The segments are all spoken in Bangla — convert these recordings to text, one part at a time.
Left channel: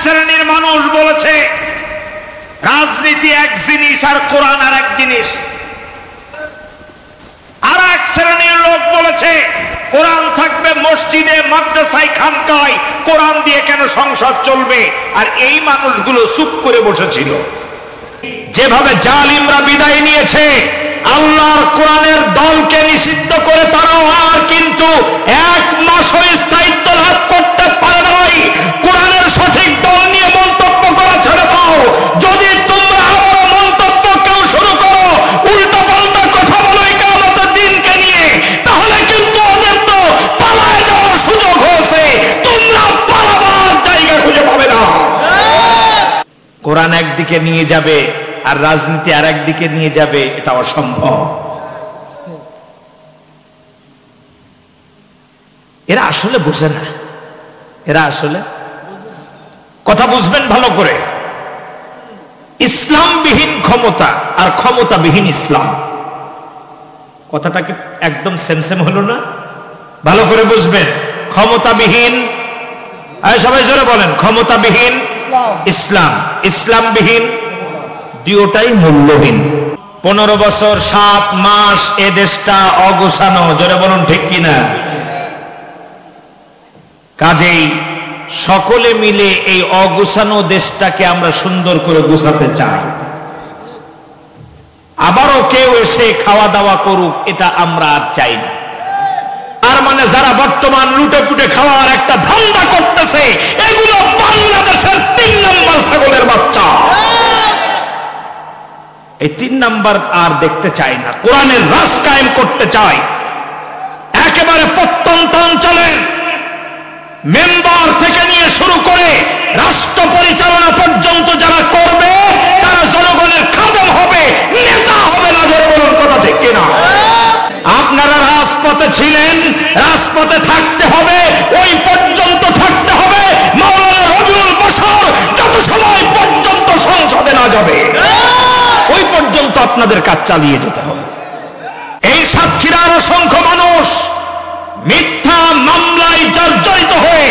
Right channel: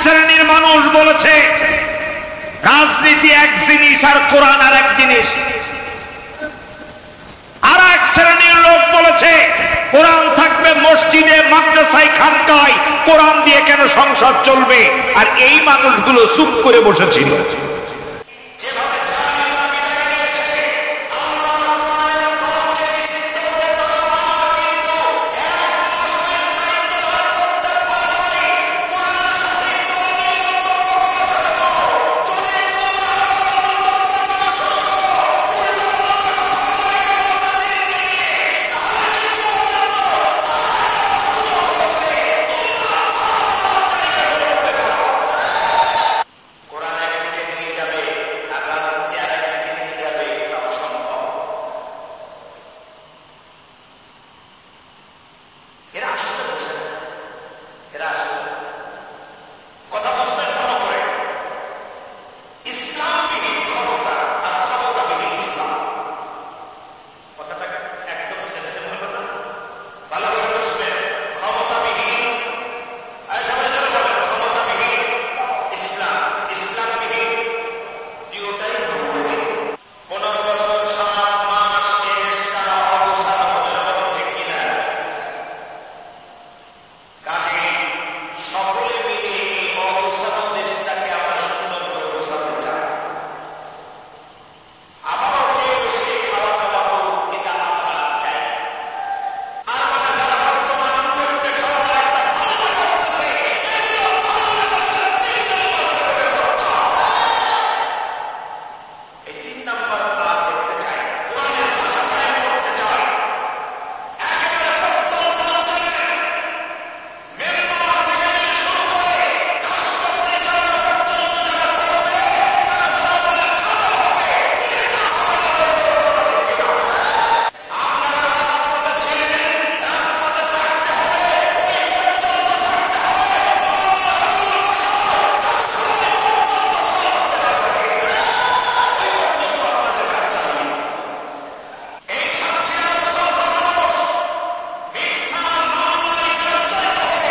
শ্রেণীর মানুষ বলেছে রাজনীতি এক জিনিস আর কোরআন আর এক জিনিস। আর এক শ্রেণীর লোক বলেছে কোরআন থাকবে মসজিদে, মাদ্রাসায়, খানকায়, কোরআন দিয়ে কেন সংসদ চলবে? আর এই মানুষগুলো চুপ করে বসেছিল। যেভাবে জালিমরা বিদায় নিয়েছে, আল্লাহর কোরআনের দলকে নিষিদ্ধ করে তারাও আর কিন্তু এক মাসও স্থায়িত্ব লাভ করতে পারে নাই। কোরআনের সঠিক দল নিয়ে মন্তব্য করা ছেড়ে দাও। যদি তোমরা আবারও মন্তব্য কেউ শুরু করো, উল্টা পাল্টা কথা বলো কিয়ামতের দিনকে নিয়ে, তাহলে কিন্তু ওদের তো পালায় যাওয়ার সুযোগ হয়েছে। তোমরা পালাবার জায়গা খুঁজে পাবে না। কোরআন একদিকে নিয়ে যাবে আর রাজনীতি আর একদিকে নিয়ে যাবে, এটা অসম্ভব। এরা আসলে বুঝে না, এরা আসলে কথা বুঝবেন ভালো করে। ইসলামবিহীন ক্ষমতা আর ক্ষমতাবিহীন ইসলাম, কথাটা কি একদম সেম সেম হলো না? ভালো করে বুঝবেন। ক্ষমতাবিহীন, সবাই জোরে বলেন, ক্ষমতাবিহীন ইসলাম, ইসলামবিহীন দুটোটাই মূল্যহীন। 15 বছর 7 মাস এ দেশটা অগোছানো, জোরে বলুন ঠিক কিনা? কাজেই সকলে মিলে এই অগোছানো দেশটাকে আমরা সুন্দর করে গোছাতে চাই। আবারও কেউ এসে খাওয়া দাওয়া করুক, এটা আমরা আর চাই না। আর মানে যারা বর্তমান লুটে পুটে খাওয়ার একটা ধান্দা করতেছে, এগুলো বাংলাদেশের 3 নম্বর ছাগলের বাচ্চা। এই 3 নাম্বার আর দেখতে চাই না। কোরআনের রাজ কায়েম করতে চাই। একেবারে প্রত্যন্ত অঞ্চলের মেম্বার থেকে নিয়ে শুরু করে রাষ্ট্র পরিচালনা পর্যন্ত যারা করবে, তারা জনগণের খাদেম হবে, নেতা হবে না। জোরে বলুন কথা ঠিক কিনা? আপনারা রাজপথে ছিলেন, রাজপথে থাকতে হবে, ওই পর্যন্ত থাকতে হবে। মাওলানা রবিউল বাশার যত সময় পর্যন্ত সংসদে না যাবে, ওই পর্যন্ত আপনাদের কাজ চালিয়ে যেতে হবে। এই সাতক্ষীরার অসংখ্য মানুষ মিথ্যা মামলায় জর্জরিত হয়ে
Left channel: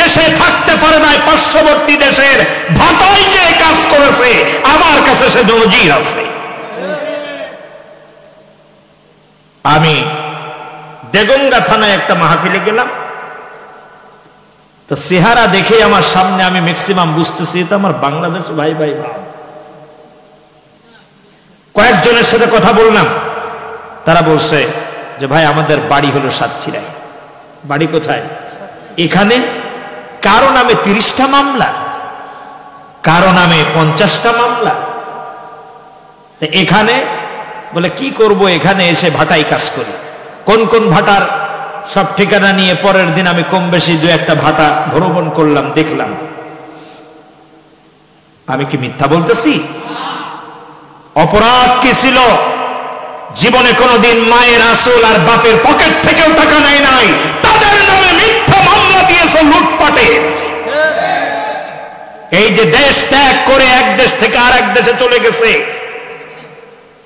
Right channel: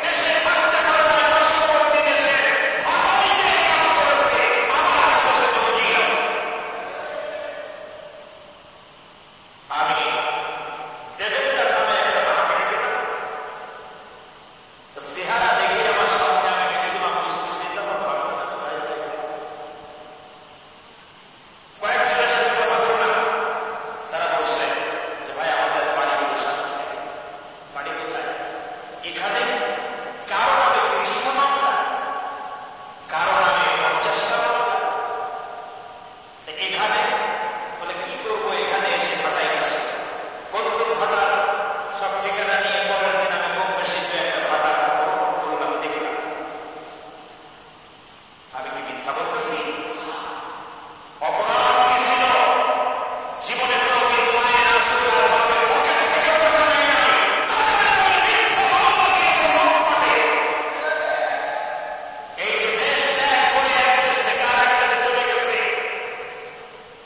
দেশে থাকতে পারে নাই, পার্শ্ববর্তী দেশের ভাটায় যে কাজ করেছে, আমার কাছে সে নজির আছে। আমি দেগঙ্গা থানায় একটা মাহফিলে গেলাম, তো চেহারা দেখে আমার সামনে আমি ম্যাক্সিমাম বুঝতেছি এটা আমার বাংলাদেশ ভাই ভাই ভাই। কয়েকজনের সাথে কথা বললাম, তারা বলছে যে ভাই আমাদের বাড়ি হলো সাতক্ষীরায়। বাড়ি কোথায়? এখানে কারো নামে 30টা মামলা, কারো নামে 50টা মামলা। এখানে বলে কি করব, এখানে এসে ভাটাই কাজ করি। কোন কোন ভাটার সব ঠিকানা নিয়ে পরের দিন আমি কম বেশি 2-1টা ভাটা ভ্রমণ করলাম, দেখলাম। আমি কি মিথ্যা বলতেছি? অপরাধ কি ছিল? জীবনে কোনদিন মায়ের আসল আর বাপের পকেট থেকেও টাকা নেয় নাই, তাদের নামে মিথ্যা মামলা দিয়েছে লুটপাটে। এই যে দেশ ত্যাগ করে এক দেশ থেকে আর এক দেশে চলে গেছে,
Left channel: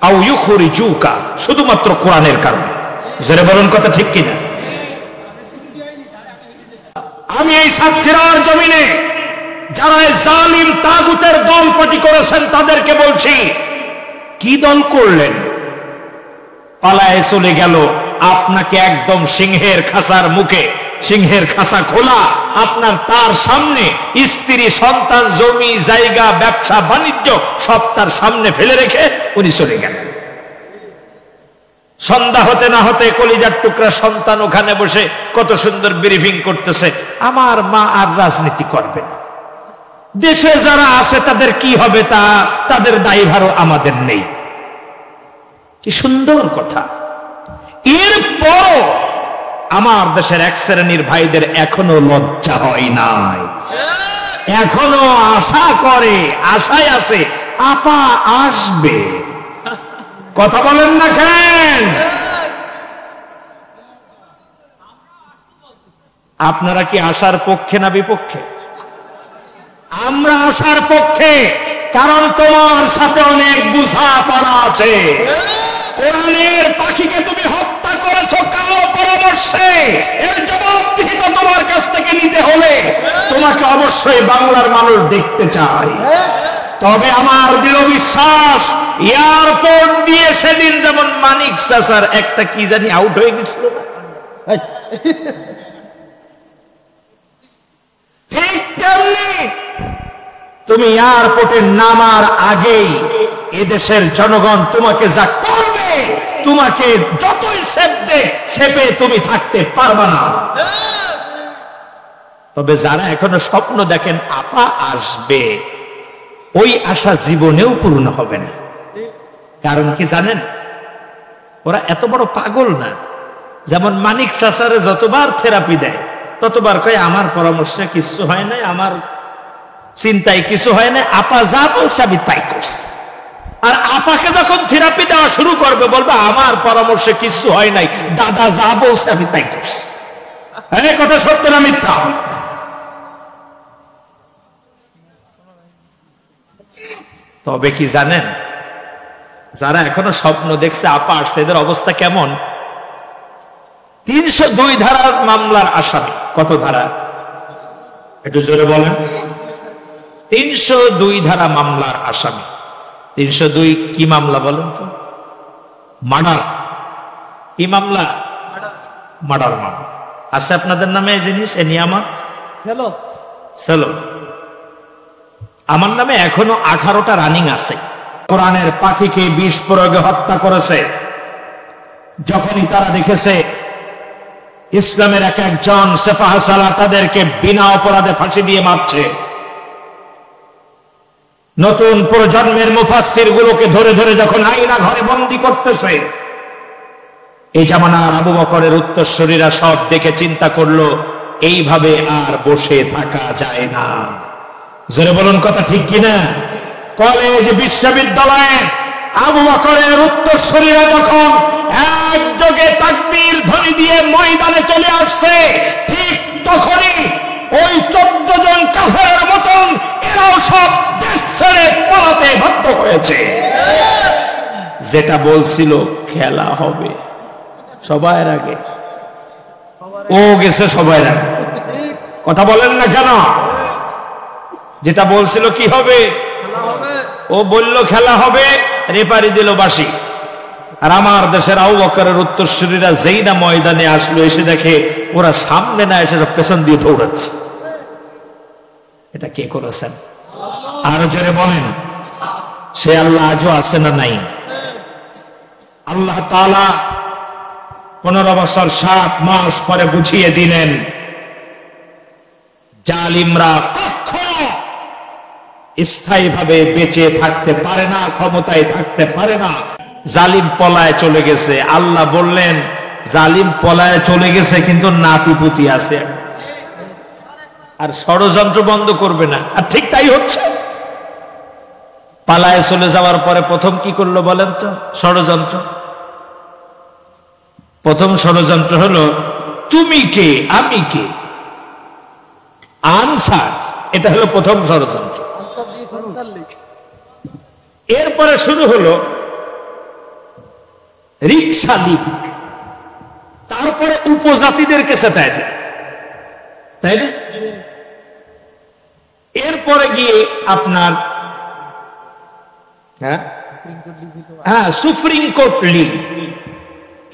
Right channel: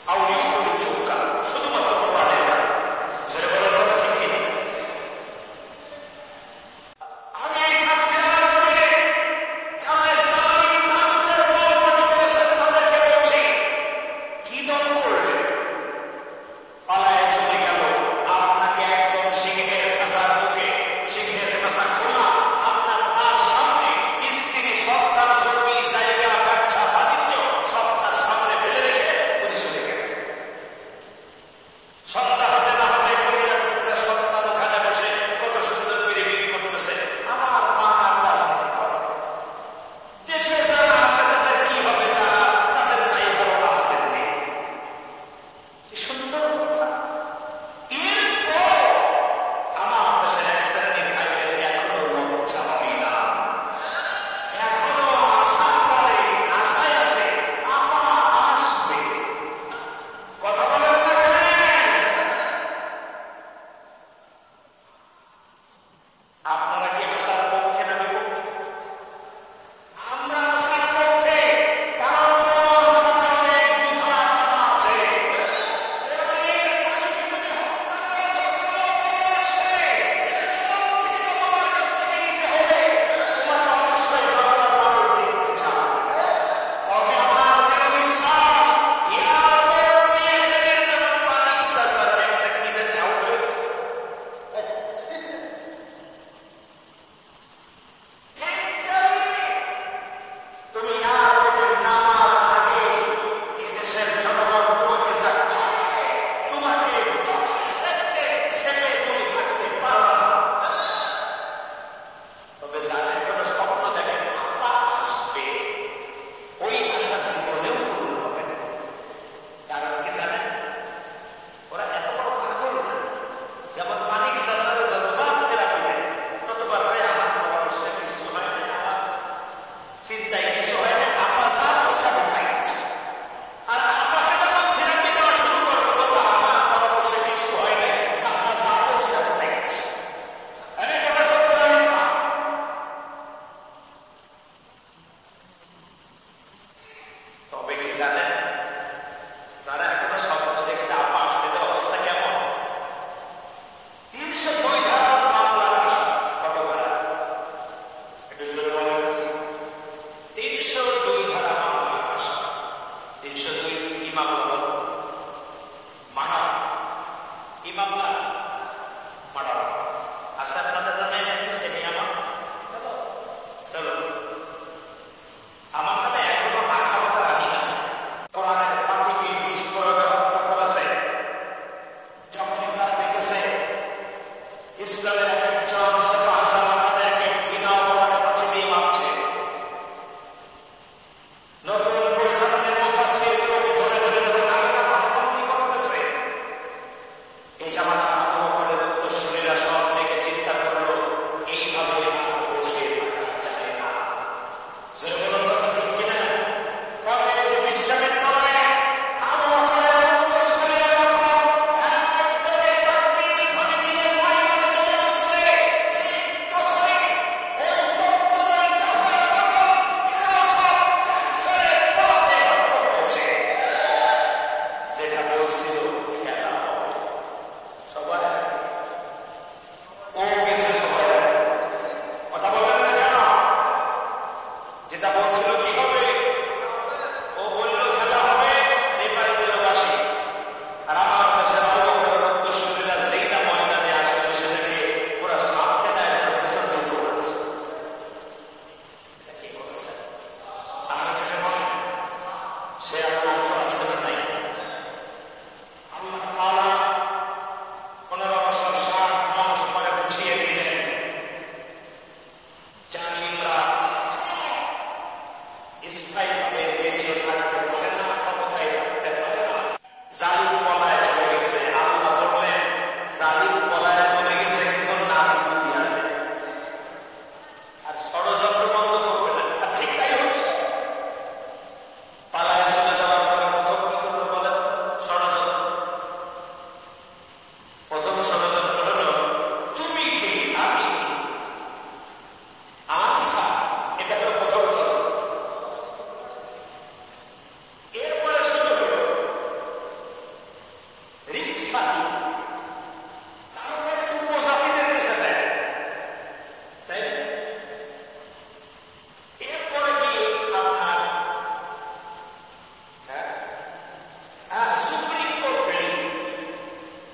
আউ ইউখরিজুকা, শুধুমাত্র কোরআনের কারণে। জোরে বলুন কথা ঠিক কিনা? আমি এই সাতক্ষীরার জমিনে যারা জালিম তাগুতের দল পার্টি করেছেন তাদেরকে বলছি, কি দল করলেন? পালায় চলে গেল। আপনাকে একদম সিংহের খাঁচার মুখে, সিংহের খাঁচা খোলা, আপনার তার সামনে স্ত্রী, সন্তান, জমি জায়গা, ব্যবসা বাণিজ্য সব তার সামনে ফেলে রেখে উনি চলে গেলেন। সন্ধ্যা হতে না হতে কলিজার টুকরা সন্তান ওখানে বসে কত সুন্দর ব্রিফিং করতেছে, আমার মা আর রাজনীতি করবে না, দেশে যারা আছে তাদের কি হবে তা তাদের দায়ভারও আমাদের নেই। কি সুন্দর কথা। এরপর আমার দেশের এক শ্রেণীর ভাইদের এখনো লজ্জা হয় নাই, এখনো আশা করে, আশায় আছে আপা আসবে। কথা বলেন না কেন? আপনারা কি আশার পক্ষে না বিপক্ষে? আমরা আশার পক্ষে, কারণ তোমার সাথে অনেক বোঝাপড়া আছে। কোরআনের পাখিকে তুমি হত্যা করেছো, কারো পরামর্শ মরছে, এর জবাবদিহি তো তোমার কাছ থেকে নিতে হলে তোমাকে অবশ্যই বাংলার মানুষ দেখতে চায়। তবে আমার দৃঢ় বিশ্বাস, এয়ারপোর্ট দিয়ে সেদিন যেমন মানিক চাচার একটা কি জানি আউট হয়ে গেছিল, ঠিক তেমনি তুমি এয়ারপোর্টে নামার আগেই এদেশের জনগণ তোমাকে যা করবে, তোমাকে যতই সেপে তুমি থাকতে পারবে না। তবে যারা এখনো স্বপ্ন দেখেন আপা আসবে, ওই আশা জীবনেও পূর্ণ হবে না। কারণ কি জানেন, ওরা এত বড় পাগল না। যেমন মানিক চাচারে যতবার থেরাপি দেয় ততবার কয় আমার পরামর্শে কিছু হয় নাই, আমার চিন্তায় কিছু হয় না, আপা যা বলছে আমি তাই করছি। আর আপাকে যখন থেরাপি দেওয়া শুরু করবে বলবে আমার পরামর্শে কিছু হয় নাই, দাদা যা বলছে আমি তাই করছি। এই কথা সত্য না মিথ্যা? তবে কি জানেন, যারা এখনো স্বপ্ন দেখছে আপা আসছে, এদের অবস্থা কেমন? 302 ধারার মামলার আসামি। কত ধারা? একটু জোরে বলেন। 302 ধারা মামলার আসামি। 302 কি মামলা বলেন তো? মার্ডার। কি মামলা? মার্ডার মামলা। আছে আপনাদের নামে এই জিনিস, এ নিয়ামত? চলো, আমার নামে এখনো 18টা রানিং আছে। কোরআনের পাখিকে বিষ প্রয়োগে হত্যা করেছে। যখনই তারা দেখেছে ইসলামের এক একজন সেফাহ সালাহ তাদেরকে বিনা অপরাধে ফাঁসি দিয়ে মারছে, নতুন প্রজন্মের মুফাসসির গুলোকে ধরে ধরে যখন আয়না ঘরে বন্দী করতেছে, এই জামানার আবু বকরের উত্তরসূরিরা সব দেখে চিন্তা করলো এইভাবে আর বসে থাকা যায় না। জোরে বলুন কথা ঠিক কিনা? কলেজ বিশ্ববিদ্যালয়ে আবু বকরের উত্তরসূরিরা যখন একযোগে তাকবীর ধ্বনি দিয়ে ময়দানে চলে আসছে, ঠিক তখনই ওই 14 জন কাফেরের মতন এরাও সব দেশ ছেড়ে পালাতে বাধ্য হয়েছে। যেটা বলছিল খেলা হবে সবার আগে, ও গেছে সবার আগে। কথা বলেন না কেন? যেটা বলছিল কি হবে, ও বলল খেলা হবে, রেপারি দিল বাঁশি। আর আমার দেশের আবু বকরের উত্তরসূরিরা যেই না ময়দানে আসলো, এসে দেখে ওরা সামনে না এসে পেছন দিয়ে দৌড়াচ্ছে। এটা কে করেছেন? আরো জোরে বলেন। সে আল্লাহ আজও আছে না নাই? আল্লাহ তাআলা 15 বছর 7 মাস পরে বুঝিয়ে দিলেন, জালিমরা কখনো স্থায়ীভাবে বেঁচে থাকতে পারে না, ক্ষমতায় থাকতে পারে না। জালিম পলায় চলে গেছে। আল্লাহ বললেন জালিম পলায় চলে গেছে, কিন্তু নাতিপুতি আছে, আর ষড়যন্ত্র বন্ধ করবে না। আর ঠিক তাই হচ্ছে। পালায় চলে যাওয়ার পরে প্রথম কি করলো বলেন তো? ষড়যন্ত্র। প্রথম ষড়যন্ত্র হলো তুমি কে আমি কে, আনসার। এটা হলো প্রথম ষড়যন্ত্র। এরপরে শুরু হলো রিক্সা লিগ, তারপরে উপজাতিদেরকে চেতায় দেয়, তাই না? এরপরে গিয়ে আপনার হ্যাঁ সুপ্রিম কোর্ট লিগ।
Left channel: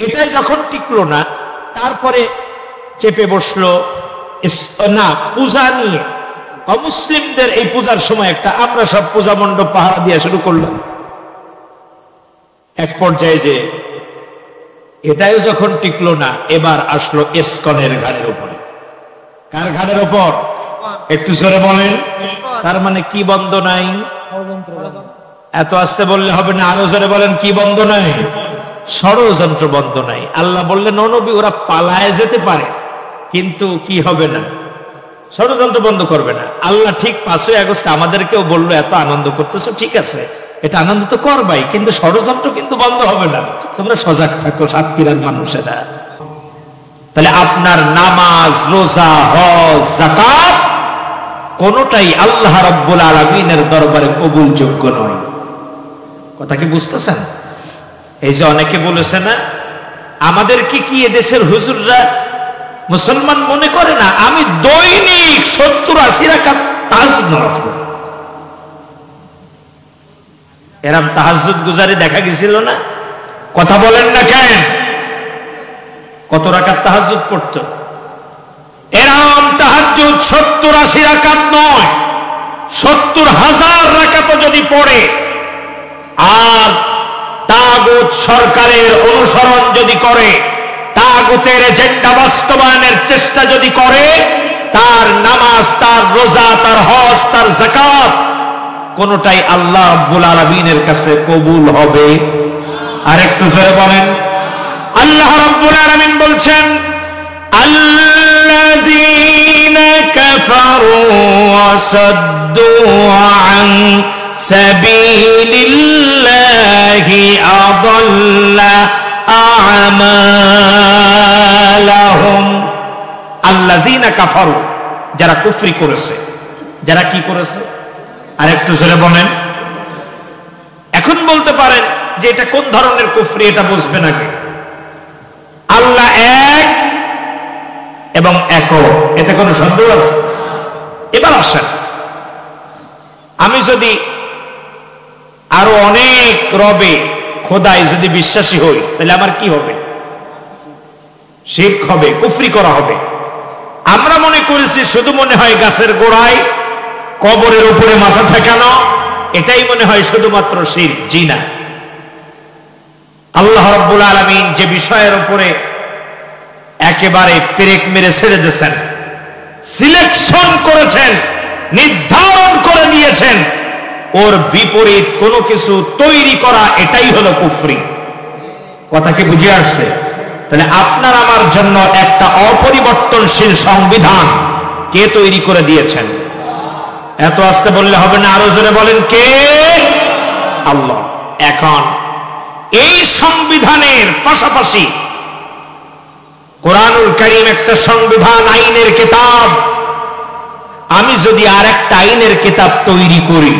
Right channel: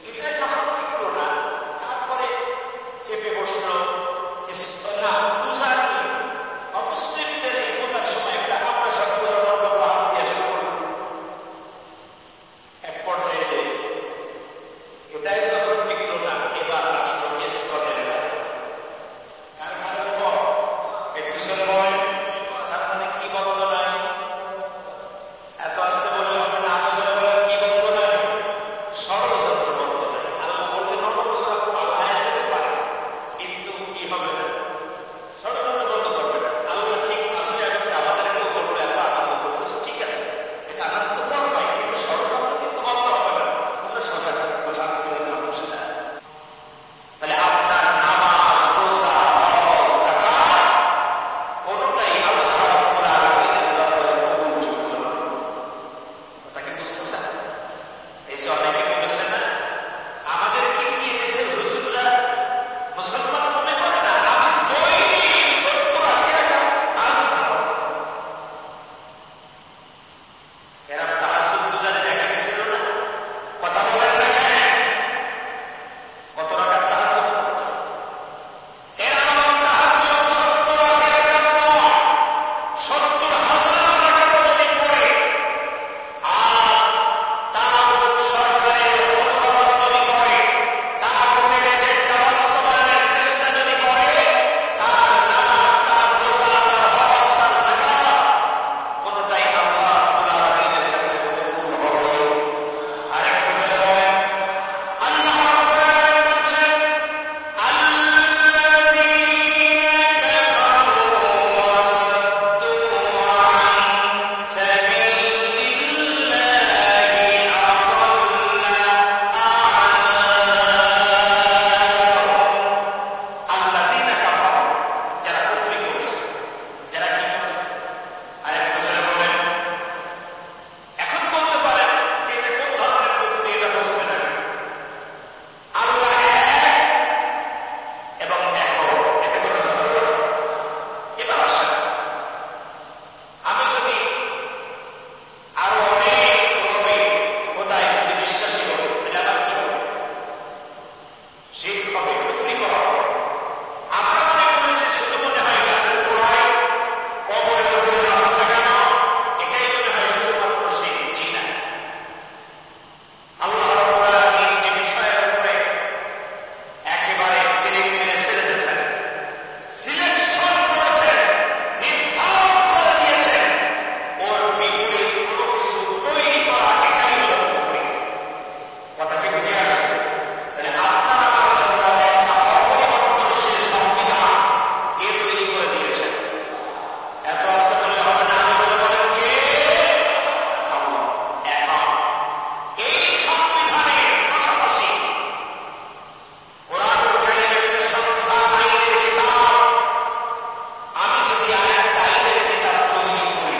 এটাই যখন টিকলো না, তারপরে চেপে বসলো না পূজা নিয়ে। অমুসলিমদের এই পূজার সময় একটা আমরা সব পূজা মণ্ডপ পাহারা দিয়ে শুরু করলাম। এক পর্যায়ে যে এটাও যখন টিকলো না, এবার আসলো ইসকনের ঘাড়ের উপরে। কার ঘাড়ের উপর? একটু জোরে বলেন। তার মানে কি বন্ধ নাই? এত আস্তে বললে হবে না, আরো জোরে বলেন। কি বন্ধ নাই? ষড়যন্ত্র বন্ধ নাই। আল্লাহ বললেন ও নবী, ওরা পালায় যেতে পারে, কিন্তু কি হবে না, ষড়যন্ত্র বন্ধ করবে না। আল্লাহ ঠিক 5ই আগস্ট আমাদেরকেও বললো এত আনন্দ করতেছো, ঠিক আছে, এটা আনন্দ তো করবাই, কিন্তু ষড়যন্ত্র কিন্তু বন্ধ হবে না। তোমরা সজাগ থাকো সাতক্ষীরার মানুষেরা। তাহলে আপনার নামাজ, রোজা, হজ, যাকাত কোনটাই আল্লাহ রাব্বুল আলামিনের দরবারে কবুলযোগ্য নয়। কথা কি বুঝতেছেন? এই যে অনেকে বলেছে না আমাদেরকে কি এদেশের হুজুররা মুসলমান মনে করে না? আমি দৈনিক 70-80 রাকাত তাহাজ্জুদ নামাজ পড়ি। এরম তাহাজ্জুদ গুজারি দেখা গেছিল না? কথা বলেন না কেন? কত রাকাত তাহাজ্জুদ পড়তো? এরম তাহাজ্জুদ 70-80 রাকাত নয়, 70,000 রাকাত যদি পড়ে, আর তাগুত সরকারের অনুসরণ যদি করে, তাগুতের এজেন্ডা বাস্তবায়নের চেষ্টা যদি করে, তার নামাজ, তার রোজা, তার হজ, তার যাকাত কোনটাই আল্লাহ রাব্বুল আলামিনের কাছে কবুল হবে? আর একটু জোরে বলেন। আল্লাহ রাব্বুল আলামিন বলছেন, আল্লাযীনা কাফারু ওয়া সাদ্দু আন সাবিলিল্লাহি আযাল্লা আমালাহুম। আল্লাযীনা কাফারু, যারা কুফরি করেছে। যারা কি করেছে? আর একটু জোরে বলেন। এখন বলতে পারেন যে এটা কোন ধরনের কুফরি, এটা বুঝবেন আগে। আল্লাহ এক এবং একক, এতে কোনো সন্দেহ আছে? এবার আসেন, আমি যদি আরো অনেক রবে খোদাই যদি বিশ্বাসী হই, তাহলে আমার কি হবে? শিরক হবে, কুফরি করা হবে। আমরা মনে করেছি শুধু মনে হয় গাছের গোড়ায় কবরের উপরে মাথা ঠেকানো, এটাই মনে হয় শুধুমাত্র শিরক। জি না, আল্লাহ রাব্বুল আলামিন যে বিষয়ের উপরে একেবারে পেরেক মেরে ছেড়ে দিয়েছেন, সিলেকশন করেছেন, নির্ধারণ করে দিয়েছেন, ওর বিপরীত কোনো কিছু তৈরি করা, এটাই হলো কুফরি। কথা কি বুঝে আসছে? তাহলে আপনার আমার জন্য একটা অপরিবর্তনশীল সংবিধান কে তৈরি করে দিয়েছেন? এত আস্তে বললে হবে না, আরো জোরে বলেন, কে? আল্লাহ। এখন এই সংবিধানের পাশাপাশি কোরআনুল কারীম একটা সংবিধান, আইনের কিতাব। আমি যদি আর একটা আইনের কিতাব তৈরি করি,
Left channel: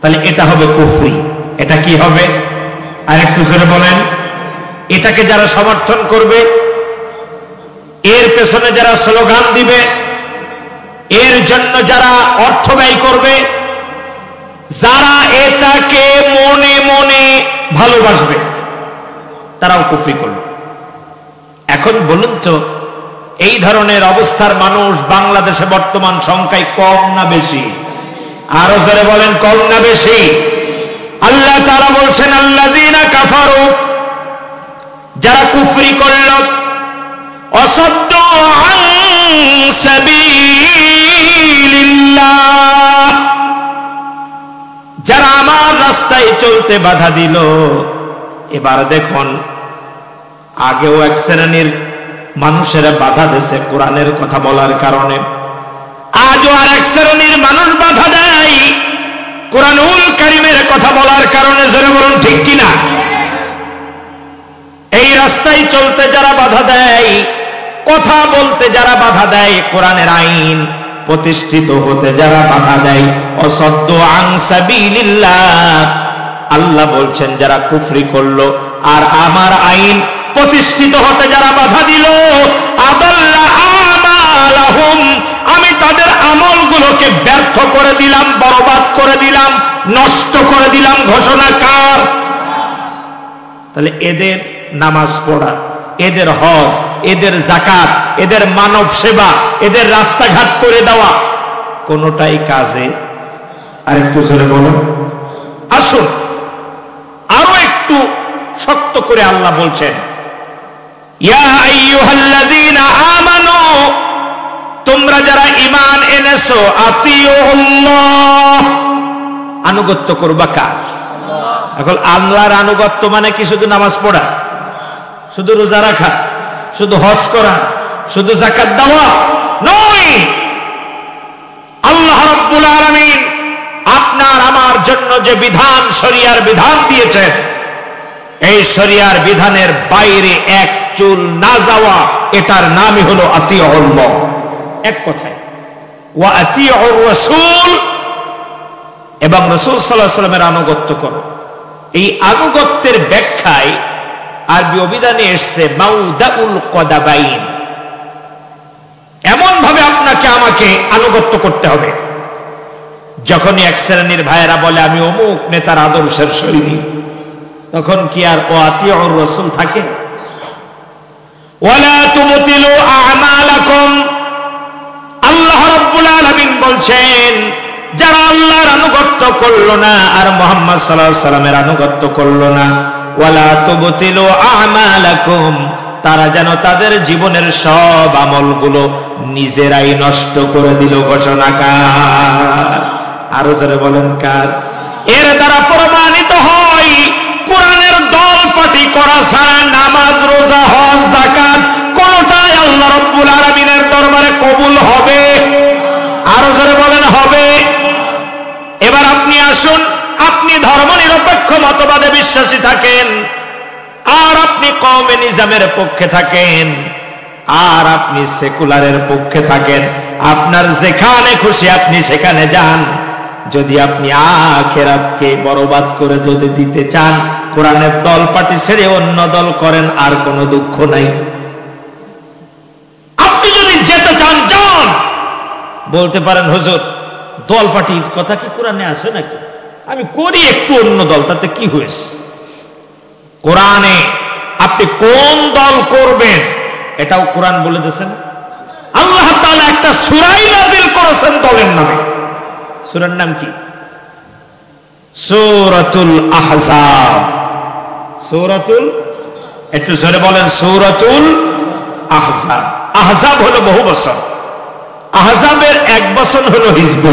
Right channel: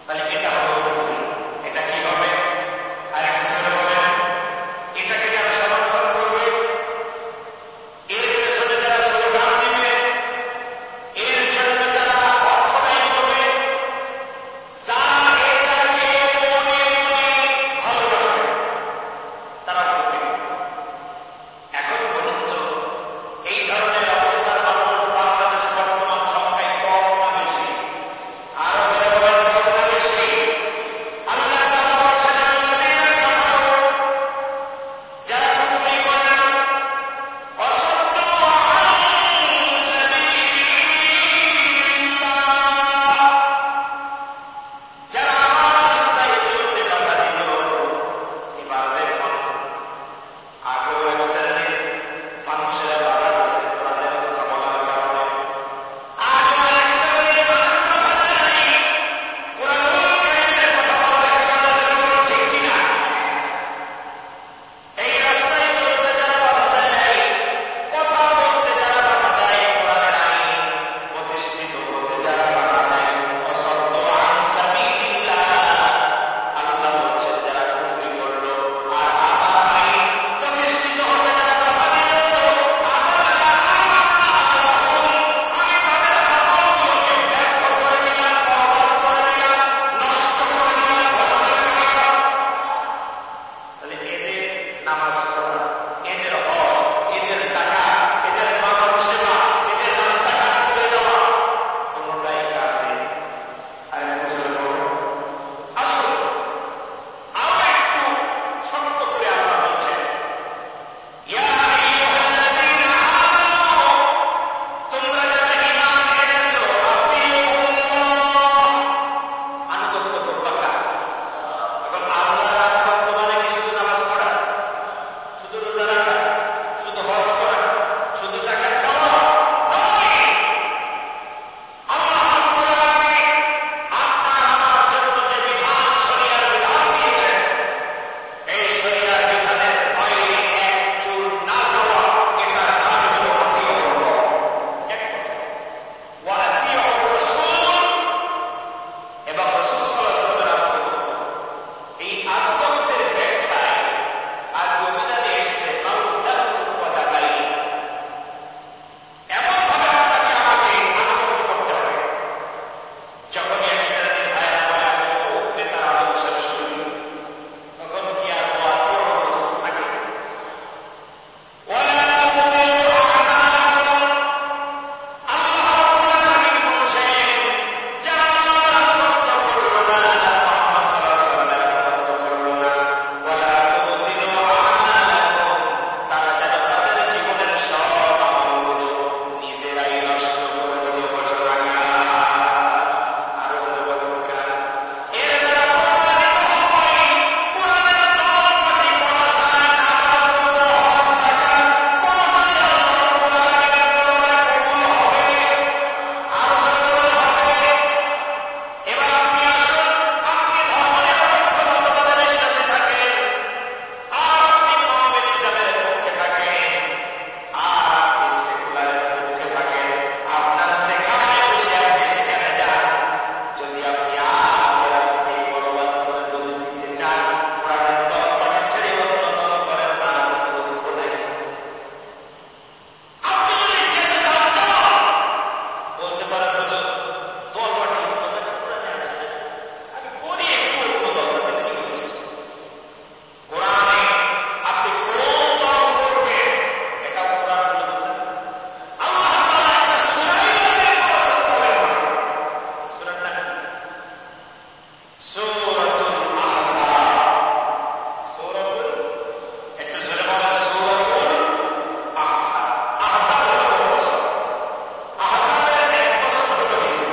তাহলে এটা হবে কুফরি। এটা কি হবে? আর একটু জোরে বলেন। এটাকে যারা সমর্থন করবে, এর পেছনে যারা স্লোগান দিবে, এর জন্য যারা অর্থ ব্যয় করবে, যারা এটাকে মনে মনে ভালোবাসবে, তারাও কুফরি করবে। এখন বলুন তো, এই ধরনের অবস্থার মানুষ বাংলাদেশে বর্তমান সংখ্যায় কম না বেশি? আরো জোরে বলেন, কম না বেশি? আল্লাহ তাআলা বলছেন, আল্লাযীনা কাফারু, যারা কুফরি করল, ওয়াসাদ্দু আন সাবিলিল্লাহ, যারা আমার রাস্তায় চলতে বাধা দিল। এবার দেখুন, আগেও এক শ্রেণীর মানুষেরা বাধা দিয়েছে কোরআনের কথা বলার কারণে, আজও আর এক শ্রেণীর মানুষ বাধা দেয় কোরআনুল কারীমের কথা বলার কারণে। জোরে বলুন, ঠিক কিনা? এই রাস্তায় চলতে যারা বাধা দেয়, কথা বলতে যারা বাধা দেয়, কোরআনের আইন প্রতিষ্ঠিত হতে যারা বাধা দেয়, অসাদ্দু আন সাবিলিল্লাহ, আল্লাহ বলছেন যারা কুফরি করলো আর আমার আইন প্রতিষ্ঠিত হতে যারা বাধা দিল, আদাল্লা আমালাহুম, আমি তাদের আমলগুলোকে ব্যর্থ করে দিলাম, বরবাদ করে দিলাম, নষ্ট করে দিলাম। ঘোষণা কার? তাহলে এদের নামাজ পড়া, এদের হজ, এদের যাকাত, এদের মানব সেবা, এদের রাস্তাঘাট করে দেওয়া, কোনটাই কাজে। আর একটু জোরে বলুন। আসুন আরো একটু শক্ত করে আল্লাহ বলছেন, ইয়া আইয়ুহাল্লাযীনা আমানু, তোমরা যারা ঈমান এনেছো, আতিউল্লাহ, আনুগত্য করবা কার? এখন আল্লাহর আনুগত্য মানে কি শুধু নামাজ পড়া, শুধু রোজা রাখা, শুধু হজ করা, শুধু যাকাত দেওয়া নয়। আল্লাহ রাব্বুল আলামিন আপনার আমার জন্য যে বিধান, শরিয়ার বিধান দিয়েছেন, এই শরিয়ার বিধানের বাইরে এক চুল না যাওয়া, এটার নামই হলো আতিউল্লাহ। এক কথায়, ওয়া আতিউর রাসূল, এবং রাসূল সাল্লাল্লাহু আলাইহি ওয়াসাল্লামের আনুগত্য করো। এই আনুগত্যের ব্যাখ্যায় আরবি অভিধানে এসছে মাউদাউল কদাবাইন। এমন ভাবে আপনাকে আমাকে আনুগত্য করতে হবে, যখনই এক শ্রেণীর ভাইয়েরা বলে আমি অমুক নেতার আদর্শের সৈনিক, তখন কি আর ও আতিউর রাসূল থাকে? ওয়ালা তুবতিলু আমালাকুম, আল্লাহ রাব্বুল আলামিন বলছেন যারা আল্লাহর আনুগত্য করলো না আর মুহাম্মদ সাল্লাল্লাহু আলাইহি সাল্লামের আনুগত্য করলো না, ওয়ালা তুবতিলু আমালাকুম, তারা যেন তাদের জীবনের সব আমলগুলো নিজেরাই নষ্ট করে দিল। ঘোষণাকার আরো জোরে বলেন কার? এর দ্বারা প্রমাণিত হয় কোরআনের দল পাটি করা ছাড়া নামাজ, রোজা, হজ, যাকাত কোনটাই আল্লাহ রাব্বুল আলামিনের দরবারে কবুল হবে। আরো জোরে বলেন হবে। এবার আপনি আসুন, আপনি ধর্মনিরপেক্ষ মতবাদে বিশ্বাসী থাকেন, আর আপনি কওমে নিজামের পক্ষে থাকেন, আর আপনি সেকুলারের পক্ষে থাকেন, আপনার যেখানে খুশি আপনি সেখানে যান। যদি আপনি আখিরাতকে বরবাদ করে যদি দিতে চান, কোরআনের দল পাটি ছেড়ে অন্য দল করেন, আর কোনো দুঃখ নাই। আপনি যদি যেতে চান যান। বলতে পারেন হুজুর দল পাটির কথা কি কোরআনে আছে নাকি? আমি করি একটু অন্য দল, তাতে কি হয়েছে? কোরআনে আপনি কোন দল করবেন এটাও কোরআন বলে দিয়েছেন। আল্লাহ তাআলা একটা সূরাই নাযিল করেছেন দলের নামে। সূরার নাম কি? সূরাতুল আহজাব। সূরাতুল, একটু জোরে বলেন, সূরাতুল আহজাব। আহজাব হলো বহু বছর, আহজাবের এক বছর হলো হিজব।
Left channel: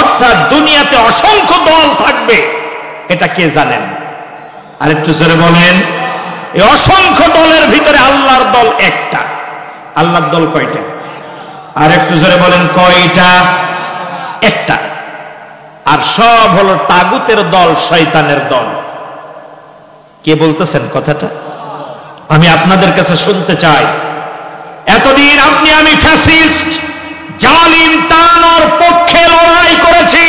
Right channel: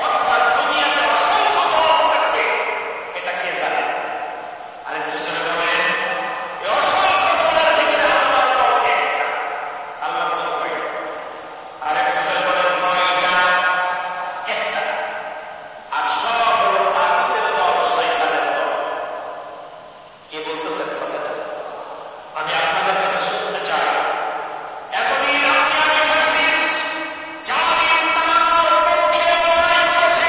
অর্থাৎ দুনিয়াতে অসংখ্য দল থাকবে, এটা কে জানেন? আর একটু জোরে বলেন। এই অসংখ্য দলের ভিতরে আল্লাহর দল একটা। আল্লাহর দল কয়টা? আর একটু জোরে বলেন কয়টা? একটা। আর সব হলো তাগুতের দল, শয়তানের দল। কে বলতেছেন কথাটা? আমি আপনাদের কাছে শুনতে চাই। এতদিন আপনি আমি ফ্যাসিস্ট, জালিম তানোর পক্ষে লড়াই করেছি,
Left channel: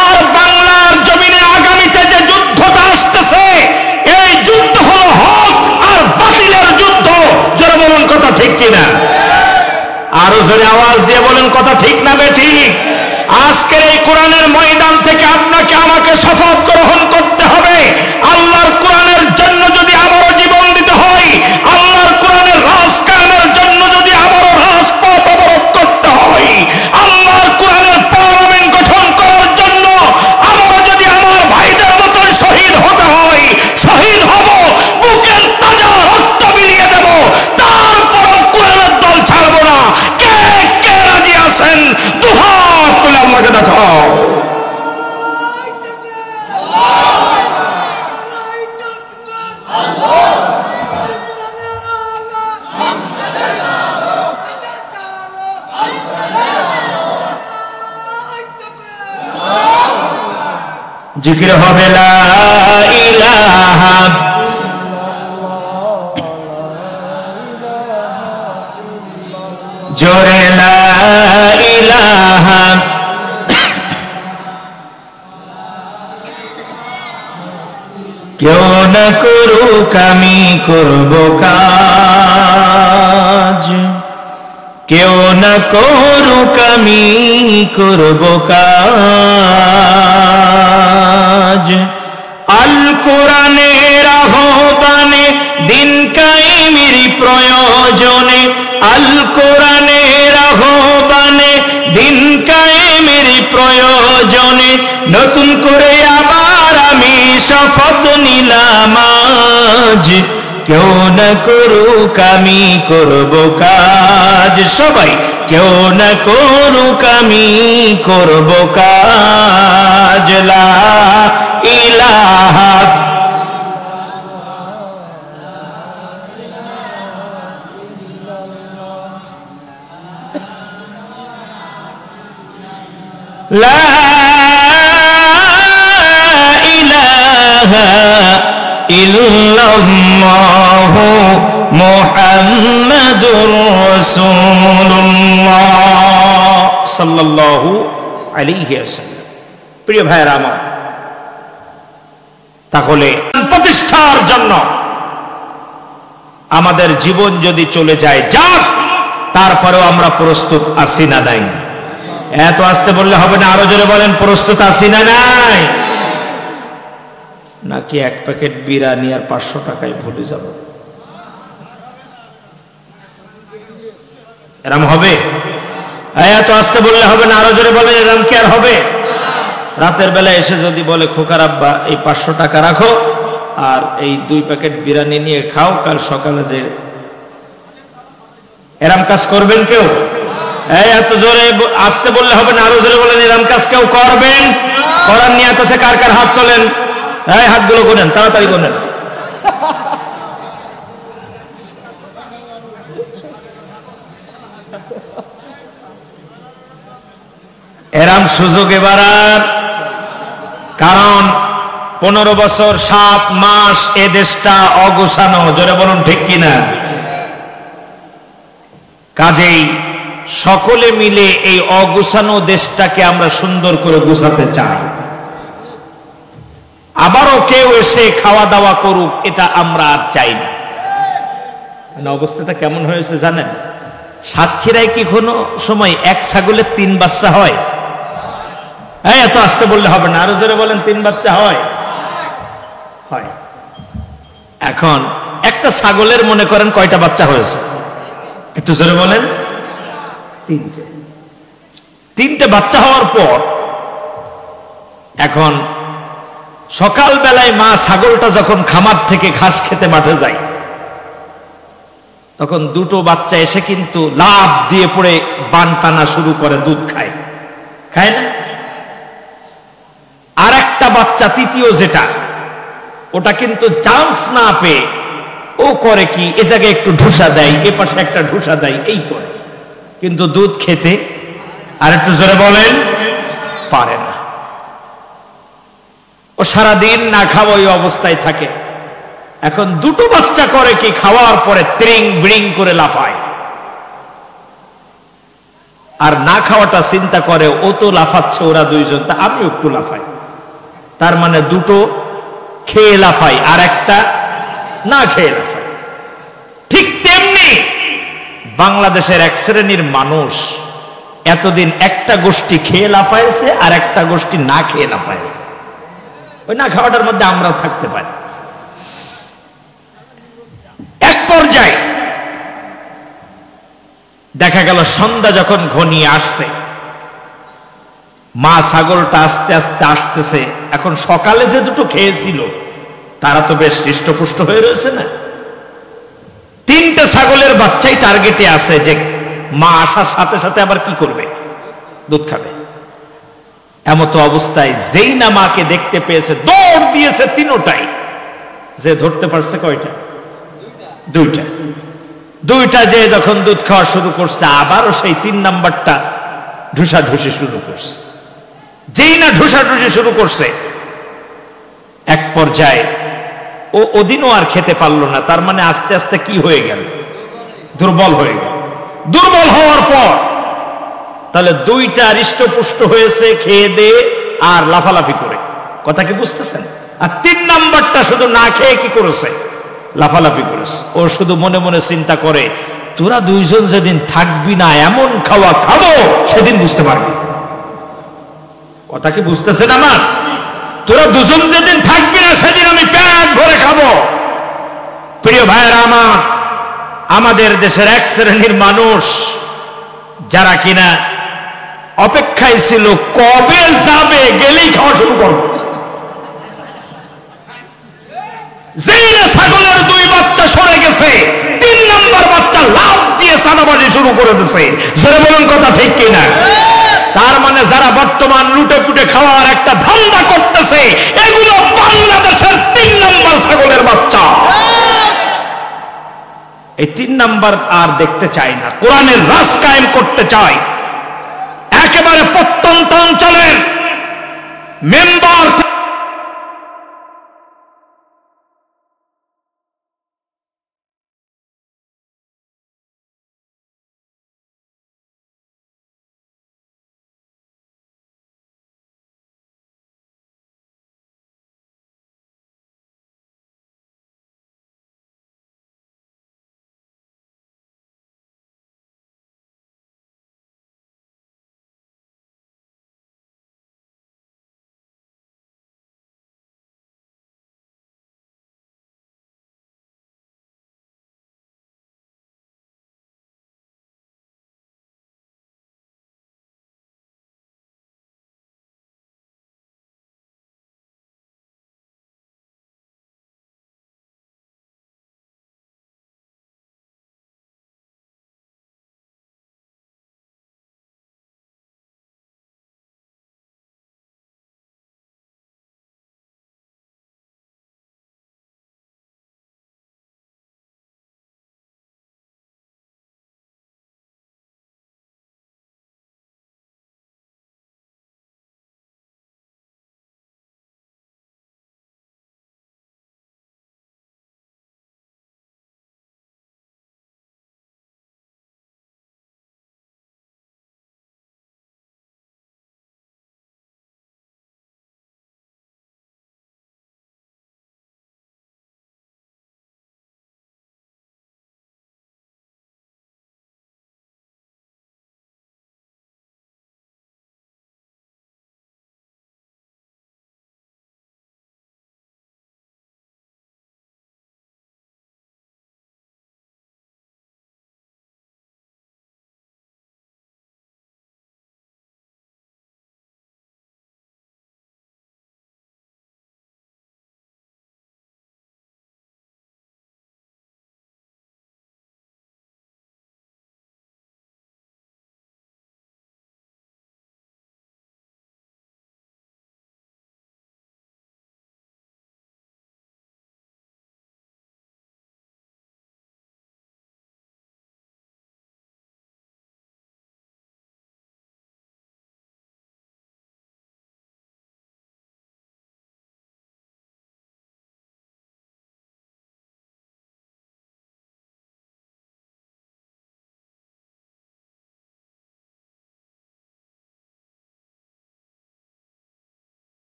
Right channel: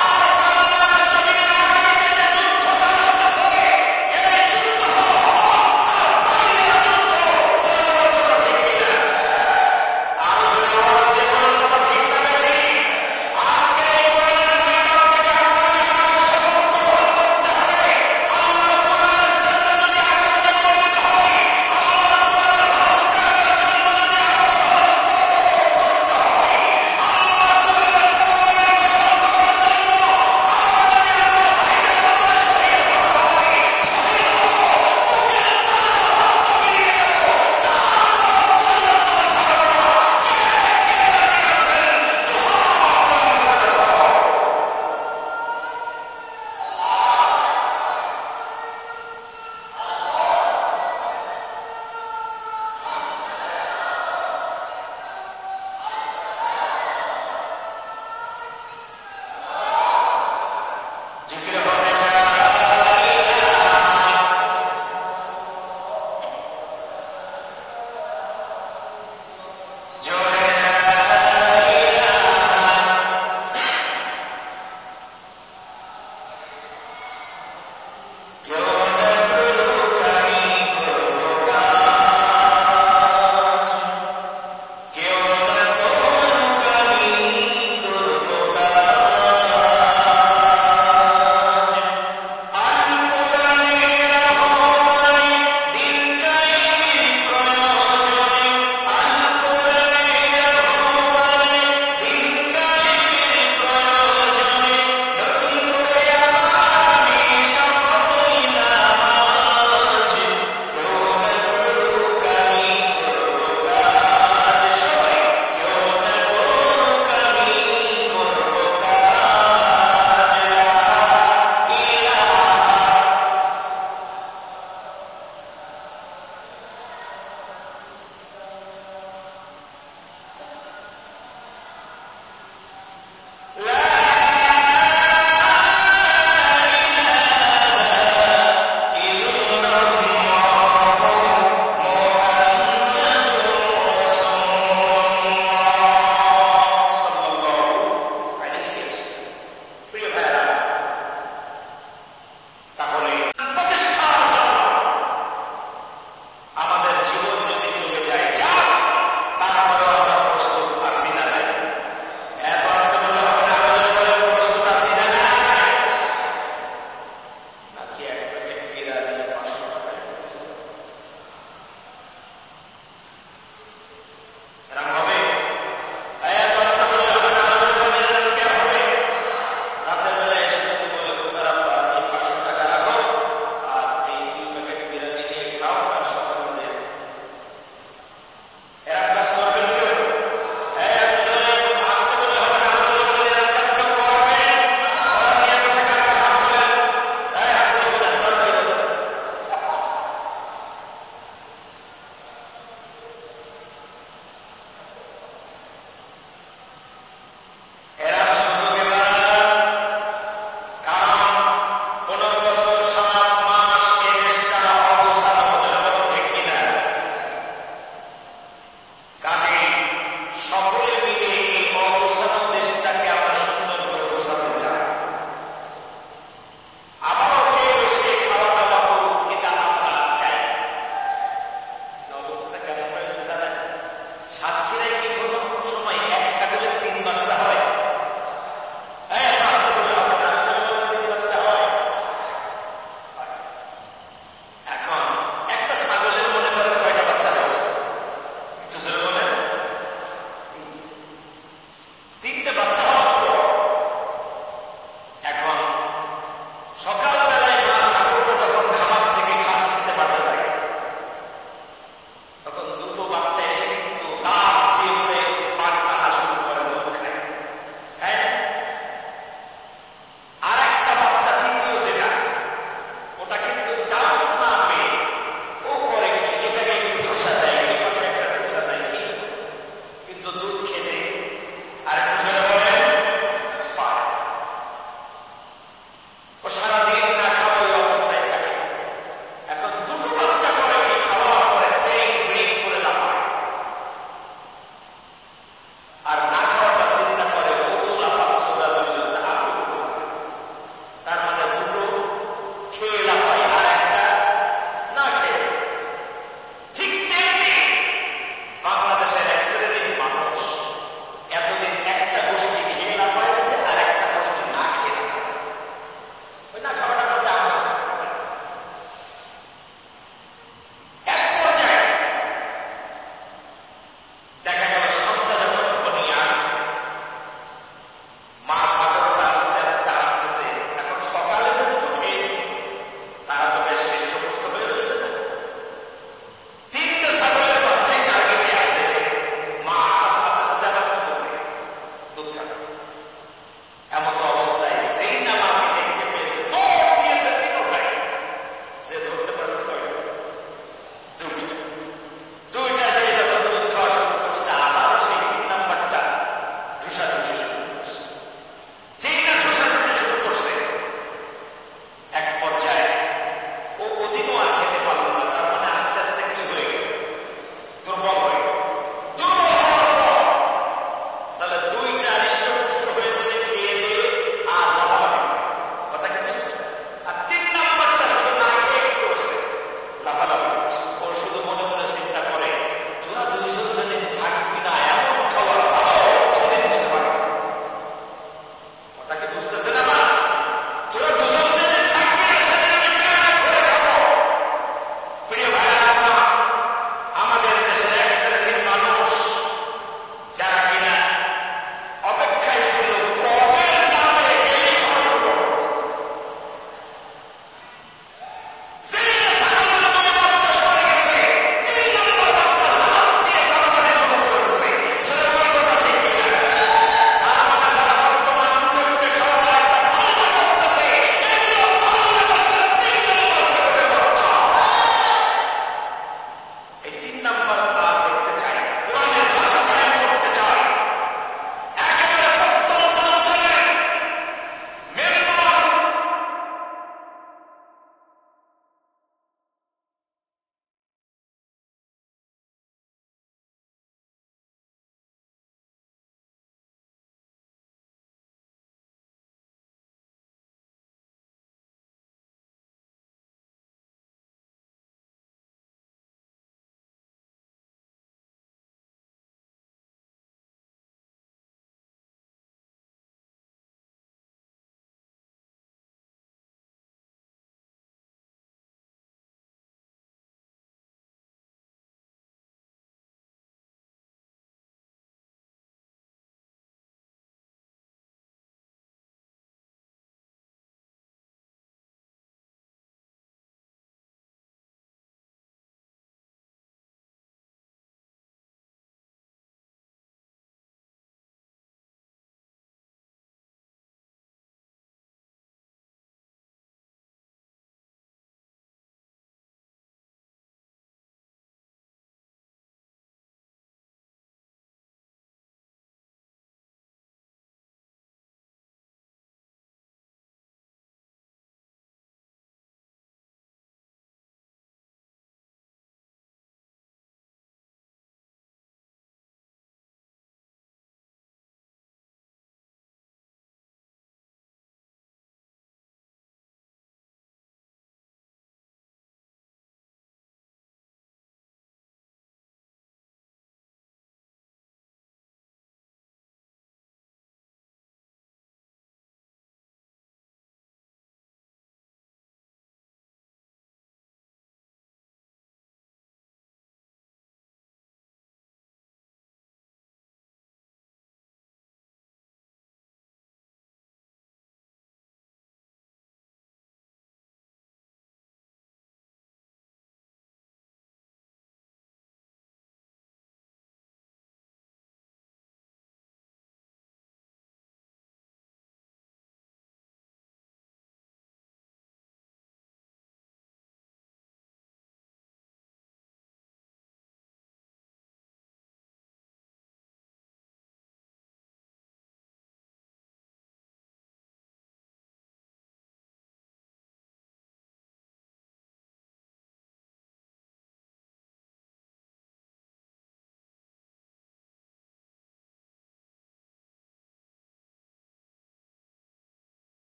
আর বাংলার জমিনে আগামীতে যে যুদ্ধটা আসতেছে, এই যুদ্ধ হলো হক আর বাতিলের যুদ্ধ। যারা বলুন কথা ঠিক কিনা? আরো জোরে আওয়াজ দিয়ে বলেন কথা ঠিক না বেঠিক? আজকের এই কোরআনের ময়দান থেকে আপনাকে আমাকে শপথ গ্রহণ করতে হবে, আল্লাহর কোরআনের জন্য যদি আবারও জীবন দিতে হয়, আল্লাহর কোরআনের রাজ কায়েমের জন্য যদি আবারও রাজপথ অবরোধ করতে হয়, আল্লাহর কোরআনের পার্লামেন্ট গঠন করার জন্য আবারও যদি আমার ভাইদের মতন শহীদ হতে হয়, শহীদ হব, বুকের তাজা রক্ত বিলিয়ে দেব, তারপরও কোরআনের দল ছাড়বো না। কে কে রাজি আছেন? দুহাত তুলে আল্লাহকে দেখাও। জিকির হবে লা ইলাহা জোরে লা ইলাহা কেউ না করুক আমি করব কাজ, কেউ না করুক আমি করব কাজ। আল কোরআনের আহ্বানে দিন কায়েমের প্রয়োজনে, আল কোরআনের আহ্বানে দিন কায়েমের প্রয়োজনে, নতুন করে আবার আমি শপথ নিলাম আজ, কেউ না করুক আমি করব কাজ। সবাই কেউ না করুক আমি করব কাজ। লা ইলাহা লা ইলাহা ইল্লাল্লাহু মুহাম্মাদুর রাসূলুল্লাহ সাল্লাল্লাহু আলাইহি ওয়াসাল্লাম। প্রিয় ভাইরা আমার, তাহলে প্রতিষ্ঠার জন্য আমাদের জীবন যদি চলে যায় যাক, তারপরেও আমরা প্রস্তুত আছি না নাই? এত আসতে বললে হবে না, আরো জোরে বলেন, প্রস্তুত আছি না নাই? নাকি এক প্যাকেট বিরিয়ানি আর 500 টাকায় ভুলে যাব? এরম হবে? এত আসতে বললে হবে না, আরো জোরে বলেন, এরম কি আর হবে? রাতের বেলা এসে যদি বলে খোকার আব্বা এই 500 টাকা রাখো আর এই 2 প্যাকেট বিরিয়ানি নিয়ে খাও, কাল সকালে যে, এরম কাজ করবেন কেউ? এত জোরে আসতে বললে হবে না, আরো জোরে বলেন, এরম কাজ কেউ করবেন? করার নিয়ত আছে কার কার? হাত তোলেন, হাতগুলো গোনেন, তাড়াতাড়ি গোনেন। এরম সুযোগ এবার আর, কারণ 15 বছর 7 মাস এ দেশটা অগুছানো, জোরে বলুন ঠিক কিনা? কাজেই সকলে মিলে এই অগুছানো দেশটাকে আমরা সুন্দর করে গুছাতে চাই। আবারও কেউ এসে খাওয়া দাওয়া করুক, এটা আমরা আর চাই না। অবস্থাটা কেমন হয়েছে জানেন? সাতক্ষীরায় কি কোনো সময় এক ছাগলের 3 বাচ্চা হয়? এত আসতে বললে হবে না, আরো জোরে বলেন, 3 বাচ্চা হয়? হয়। এখন একটা ছাগলের মনে করেন কয়টা বাচ্চা হয়েছে? একটু জোরে বলেন। 3টে বাচ্চা হওয়ার পর এখন সকাল বেলায় মা ছাগলটা যখন খামার থেকে ঘাস খেতে মাঠে যায়, তখন 2টো বাচ্চা এসে কিন্তু লাফ দিয়ে পড়ে বান টানা শুরু করে, দুধ খায়, খায় না? আর একটা বাচ্চা, তৃতীয় যেটা, ওটা কিন্তু চান্স না পেয়ে ও করে কি, এ জায়গায় একটু ঢুসা দেয়, এ পাশে একটা ঢুসা দেয়, এই করে, কিন্তু দুধ খেতে আর একটু জোরে বলেন পারে না। ও সারাদিন না খাওয়া ওই অবস্থায় থাকে। এখন 2টো বাচ্চা করে কি, খাওয়ার পরে ত্রিং ব্রিং করে লাফায়, আর না খাওয়াটা চিন্তা করে, ও তো লাফাচ্ছে, ওরা 2জন, তা আমি একটু লাফাই। তার মানে 2টো খেয়ে লাফাই আর একটা না খেয়ে লাফাই। ঠিক তেমনি বাংলাদেশের এক শ্রেণীর মানুষ এতদিন একটা গোষ্ঠী খেয়ে লাফাইছে আর একটা গোষ্ঠী না খেয়ে লাফাইছে। ওই না খাওয়াটার মধ্যে আমরাও থাকতে পারি। এক পর্যায়ে দেখা গেল সন্ধ্যা যখন ঘনিয়ে আসছে, মা ছাগলটা আস্তে আস্তে আসতেছে। এখন সকালে যে 2টো খেয়েছিল তারা তো বেশ হৃষ্টপুষ্ট হয়ে রয়েছে না? 3টে ছাগলের বাচ্চাই টার্গেটে আছে যে মা আসার সাথে সাথে আবার কি করবে, দুধ খাবে। এমতো অবস্থায় যেই না মাকে দেখতে পেয়েছে, দৌড় দিয়েছে 3টাই, যে ধরতে পারছে কয়টা? 2টা যে যখন দুধ খাওয়া শুরু করছে, আবারও সেই 3 নাম্বারটা ঢুসাঢুসি শুরু করছে। যেই না ঢুসাঢুসি শুরু করছে, এক পর্যায়ে ও ওদিনও আর খেতে পারলো না। তার মানে আস্তে আস্তে কি হয়ে গেল? দুর্বল হয়ে গেল। দুর্বল হওয়ার পর তাহলে 2টা হৃষ্টপুষ্ট হয়েছে খেয়ে দিয়ে আর লাফালাফি করে, কথা কি বুঝতেছেন? আর 3 নাম্বারটা শুধু না খেয়ে কি করেছে? লাফালাফি করেছে। ও শুধু মনে মনে চিন্তা করে, তোরা 2জন যেদিন থাকবি না, এমন খাওয়া খাবো সেদিন বুঝতে পারবি। কথা কি বুঝতেছেন আমার? তোরা 2জন যেদিন থাকবি না, সেদিন আমি পেট ভরে খাবো। প্রিয় ভাইয়েরা আমার, আমাদের দেশের এক শ্রেণীর মানুষ যারা কিনা অপেক্ষায় ছিল কবে যাবে, গেলেই খাওয়া শুরু করবে। যেই না ছাগলের 2 বাচ্চা সরে গেছে, 3 নাম্বার বাচ্চা লাফ দিয়ে সাদাবাজি শুরু করে দিয়েছে। জোরে বলুন কথা ঠিক কিনা? তার মানে যারা বর্তমান লুটে পুটে খাওয়ার একটা ধান্দা করতেছে, এগুলো বাংলাদেশের 3 নাম্বার ছাগলের বাচ্চা। এই 3 নাম্বার আর দেখতে চাই না। কোরআনের রাজ কায়েম করতে চাই। একেবারে প্রত্যন্ত অঞ্চলের মেম্বার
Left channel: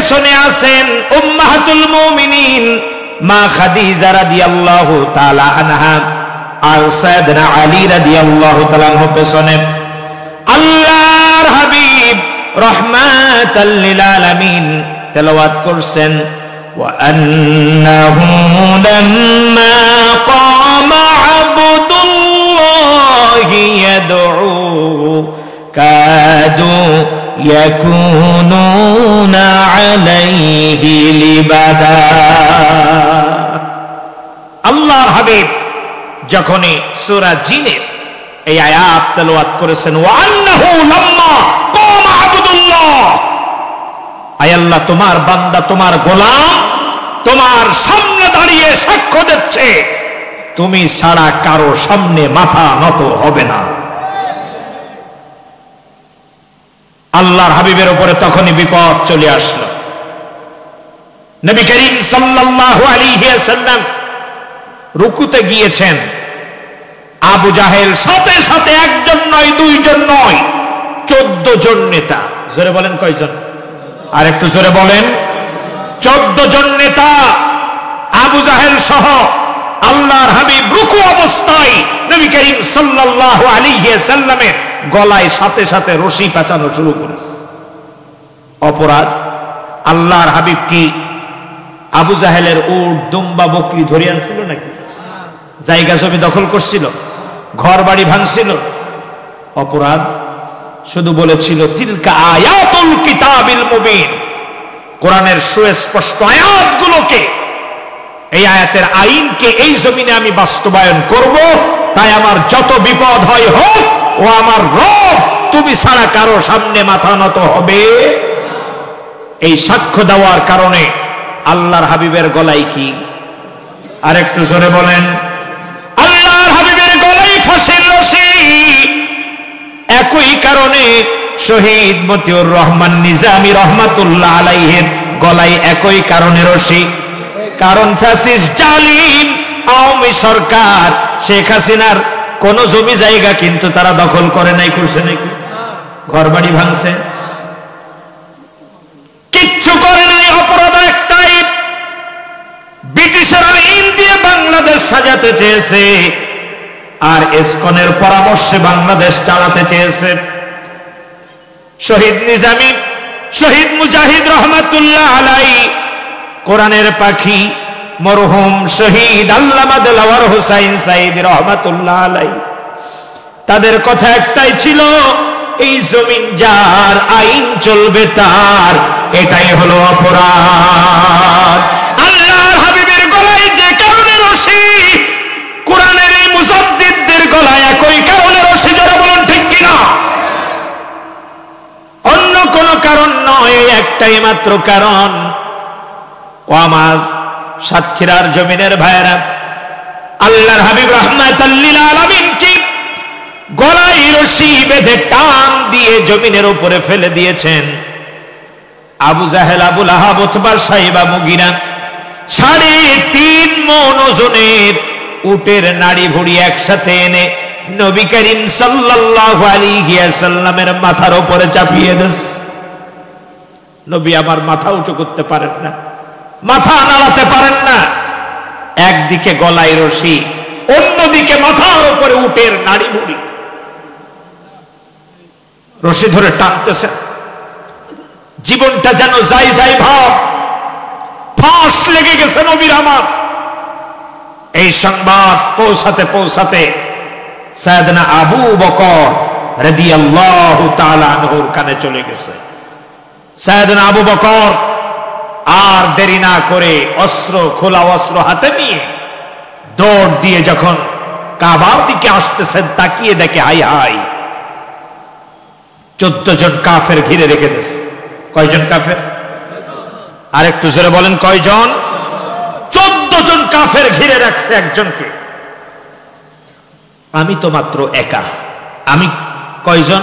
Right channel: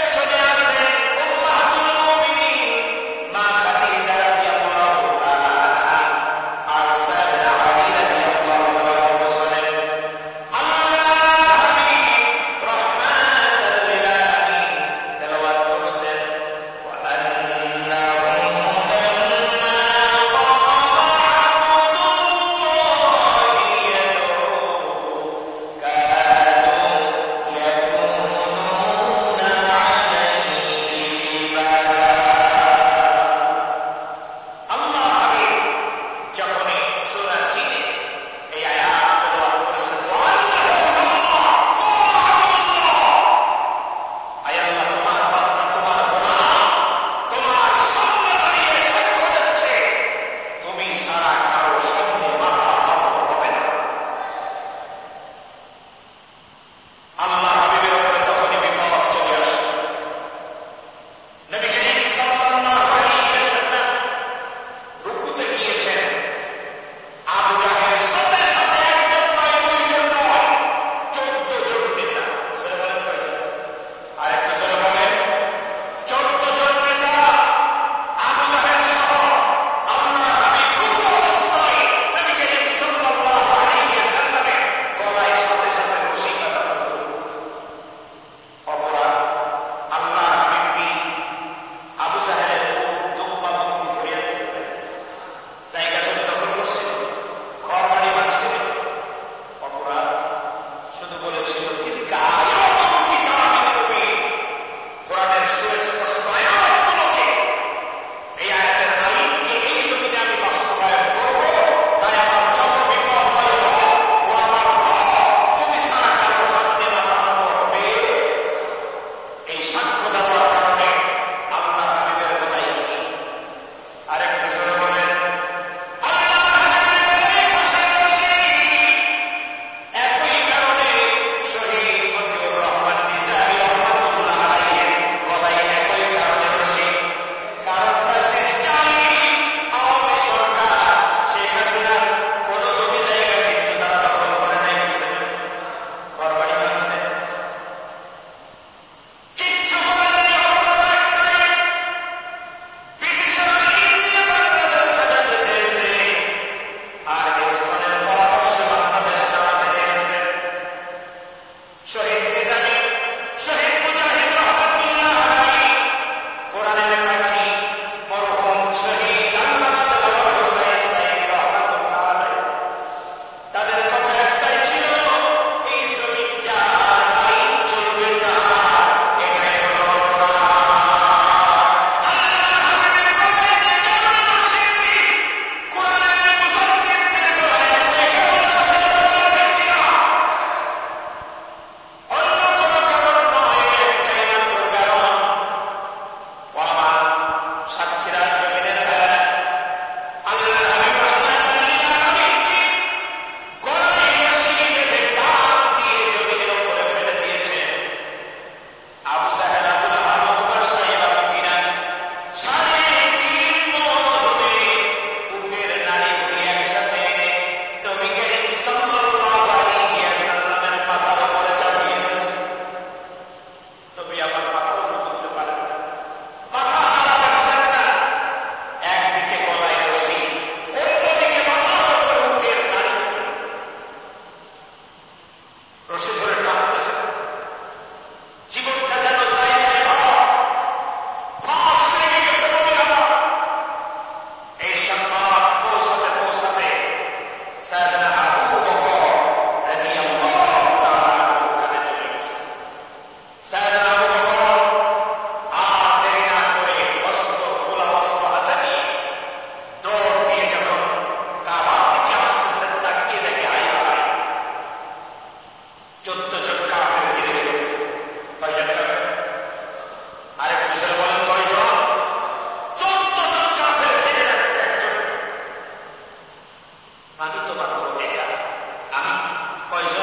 পেছনে আছেন উম্মাহাতুল মুমিনিন মা খাদিজা রাদিয়াল্লাহু তাআলা আনহা আর সাইয়েদনা আলী রাদিয়াল্লাহু তাআলা আনহু পেছনে। আল্লাহর হাবিব রাহমাতাল লিল আলামিন তেলাওয়াত করছেন ওয়া আন্নাহু লাম্মা কামা আবদুল্লাহি ইয়াদউ কাদু ইয়াকুনুনা আলাইহি লিবাদা। আল্লাহর হাবিব যখনই সূরা জিনের এই আয়াত তেলাওয়াত করেছেন ওয়া আন্নাহু লাম্মা কামা আবদুল্লাহ, আয় আল্লাহ তোমার বান্দা তোমার গোলাম তোমার সামনে দাঁড়িয়ে সাক্ষ্য দিচ্ছে তুমি ছাড়া কারো সামনে মাথা নত হবে না। আল্লাহর হাবিবের উপরে তখনই বিপদ চলে আসলো। নবী করিম সাল্লাল্লাহু আলাইহি ওয়াসাল্লাম রুকুতে গিয়েছেন, আবু জাহেল সাথে সাথে একজন নয় দুইজন নয় 14 জন নেতা। জোরে বলেন কয়জন? আর একটু জোরে বলেন। 14 জন নেতা আবু জাহেল সহ আল্লাহর হাবিব রুকু অবস্থায় নবী করিম সাল্লাল্লাহু আলাইহি ওয়াসাল্লামের গলায় সাথে সাথে রশি পেঁচানো শুরু করেছে। অপরাধ, আল্লাহর হাবিব কি আবু জাহেলের উট দুম্বা বকরি ধরে আনছিল নাকি? জায়গা জমি দখল করছিল, ঘর বাড়ি ভাঙছিল? অপরাধ, শুধু বলেছিল তিলকা আয়াতুল কিতাবিল মুবিন, কোরআনের সুস্পষ্ট আয়াতগুলোকে, এই আয়াতের আইনকে এই জমিনে আমি বাস্তবায়ন করব, তাই আমার যত বিপদ হয় হোক, ও আমার রব তুমি ছাড়া কারো সামনে মাথা নত হবে। এই সাক্ষ্য দেওয়ার কারণে আল্লাহর হাবিবের গলায় কি? আর একটু জোরে বলেন। আল্লাহর হাবিবের গলায় ফাঁসির রশি। একই কারণে শহীদ মতিউর রহমান নিজামী রহমাতুল্লাহ আলাইহির গলায় একই কারণে রশি। কারণ ফ্যাসিস্ট জালিম আওয়ামী সরকার শেখ হাসিনার কোন জমি জায়গা কিন্তু তারা দখল করে নাই, করছে নাকি? ঘর বাড়ি ভাঙছে, কিচ্ছু করে নাই। অপরাধ একটাই, ব্রিটিশের আইন দিয়ে বাংলাদেশ সাজাতে চেয়েছে আর ইসকনের পরামর্শে বাংলাদেশ চালাতে চেয়েছে। শহীদ নিজামী, শহীদ মুজাহিদ রহমাতুল্লাহ আলাইহি, কোরআনের পাখি মরহুম শহীদ আল্লামা দেলাওয়ার হোসাইন সাইদি রহমাতুল্লাহ আলাইহি, তাদের কথা একটাই ছিল, এই জমিন যার আইন চলবে তার, এটাই হলো অপরাধ। আল্লাহর হাবিবের গলায় যে কারণে রশি, কোরআনের এই মুজাদ্দিদদের গলায় একই কারণে রশি। যারা বলেন ঠিক কিনা? অন্য কোন কারণ নয়, একটাই মাত্র কারণ। ও আমার সাতক্ষীরার জমিনের ভাইয়েরা, আল্লাহর হাবিব রাহমাতাল লিল আলামিন কি গলায় রশি বেঁধে টান দিয়ে জমিনের উপরে ফেলে দিয়েছেন। আবু জাহেল, আবু লাহাব, উতবা, সাইবা, মুগিরা 3.5 মণ ওজনের উটের নাড়ি ভুড়ি একসাথে এনে নবী করিম সাল্লাল্লাহু আলাইহি ওয়াসাল্লামের মাথার উপরে চাপিয়ে দেন। নবী আমার মাথা উঁচু করতে পারেন না, মাথা নাড়াতে পারেন না। একদিকে গলায় রশি, অন্যদিকে মাথার উপরে উটের নাড়ি ভুড়ি, রশি ধরে টানতেছেন। জীবনটা যেন যাই যাই ভাব, ফাঁস লেগে গেছে নবীর আমার। এই সংবাদ পৌঁছাতে পৌঁছাতে সাইয়েদনা আবু বকর রাদিয়াল্লাহু তাআলা আনহুর কানে চলে গেছে। সাইয়েদনা আবু বকর আর দেরি না করে অস্ত্র, খোলা অস্ত্র হাতে নিয়ে দৌড় দিয়ে যখন কাবার দিকে আসতেছেন, তাকিয়ে দেখে হাই হাই 14 জন কাফের ঘিরে রেখে দিয়েছে। কয়জন কাফের? আর একটু জোরে বলেন কয়জন? 14 জন কাফের ঘিরে রাখছে একজনকে। আমি তো মাত্র একা। আমি কয়জন?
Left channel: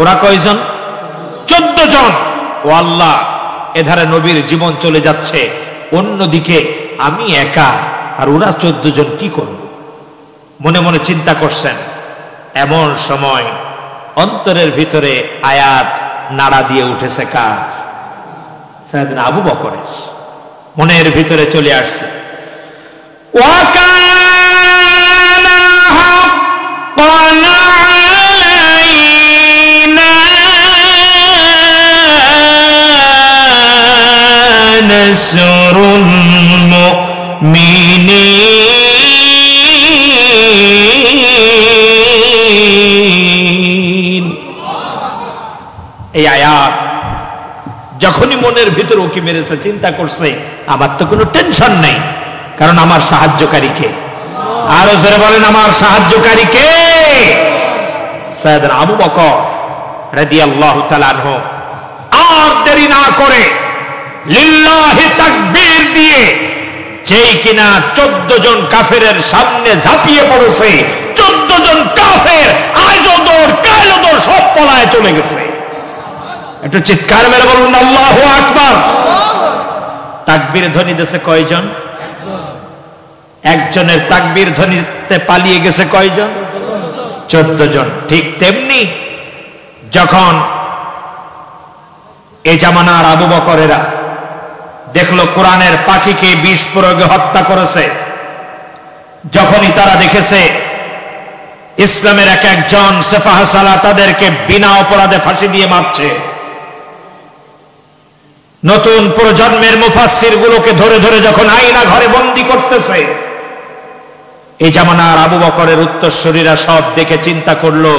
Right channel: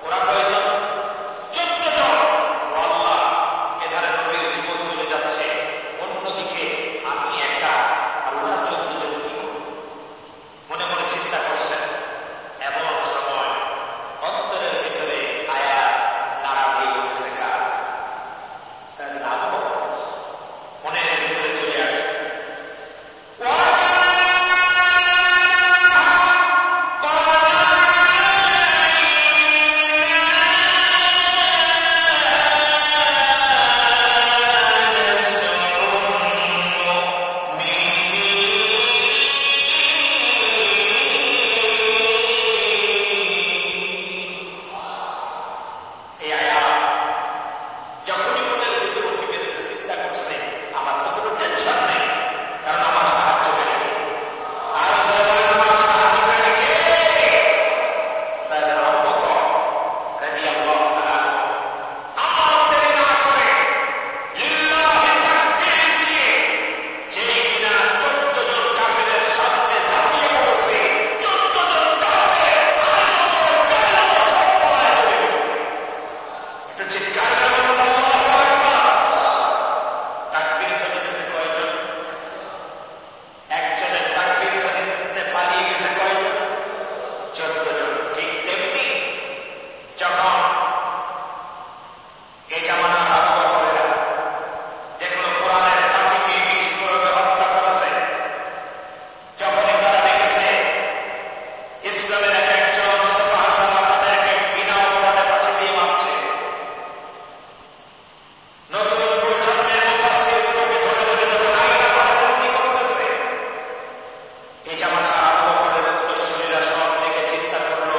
ওরা কয়জন? 14 জন। ও আল্লাহ, এধারে নবীর জীবন চলে যাচ্ছে, অন্যদিকে আমি একা, আর ওরা 14 জন, কি করব? মনে মনে চিন্তা করছেন। এমন সময় অন্তরের ভিতরে আয়াত নাড়া দিয়ে উঠেছে কার? সাইয়েদনা আবু বকরের মনের ভিতরে চলে আসছে এই আয়াত যখনই মনের ভিতর ওকে মেরেছে, চিন্তা করছে আমার তো কোনো টেনশন নেই, কারণ আমার সাহায্যকারী কে? আরো জোরে বলেন, আমার সাহায্যকারী কে? সাইয়েদনা আবু বকর রাদিয়াল্লাহু তাআলা আনহু আর দেরি না করে লিল্লাহি তাকবীর দিয়ে যেই কিনা 14 জন কাফেরের সামনে ঝাঁপিয়ে পড়েছে, 14 জন কাফের আজও দৌড় কালও দৌড় সব পলায় চলে গেছে। একটু চিৎকার মেরে বলুন আল্লাহু আকবার। তাকবীর ধ্বনি দিয়েছে কয়জন? একজনের তাকবীর ধ্বনিতে পালিয়ে গেছে কয়জন? 14 জন। ঠিক তেমনি যখন এই জামানার আবু বকরেরা দেখলো কোরআনের পাখিকে বিষ প্রয়োগে হত্যা করেছে, যখনই তারা দেখেছে ইসলামের এক একজন সেফাহ সালাহ তাদেরকে বিনা অপরাধে ফাঁসি দিয়ে মারছে, নতুন প্রজন্মের মুফাসসির গুলোকে ধরে ধরে যখন আয়না ঘরে বন্দী করতেছে, এই জামানার আবু বকরের উত্তরসূরিরা সব দেখে চিন্তা করলো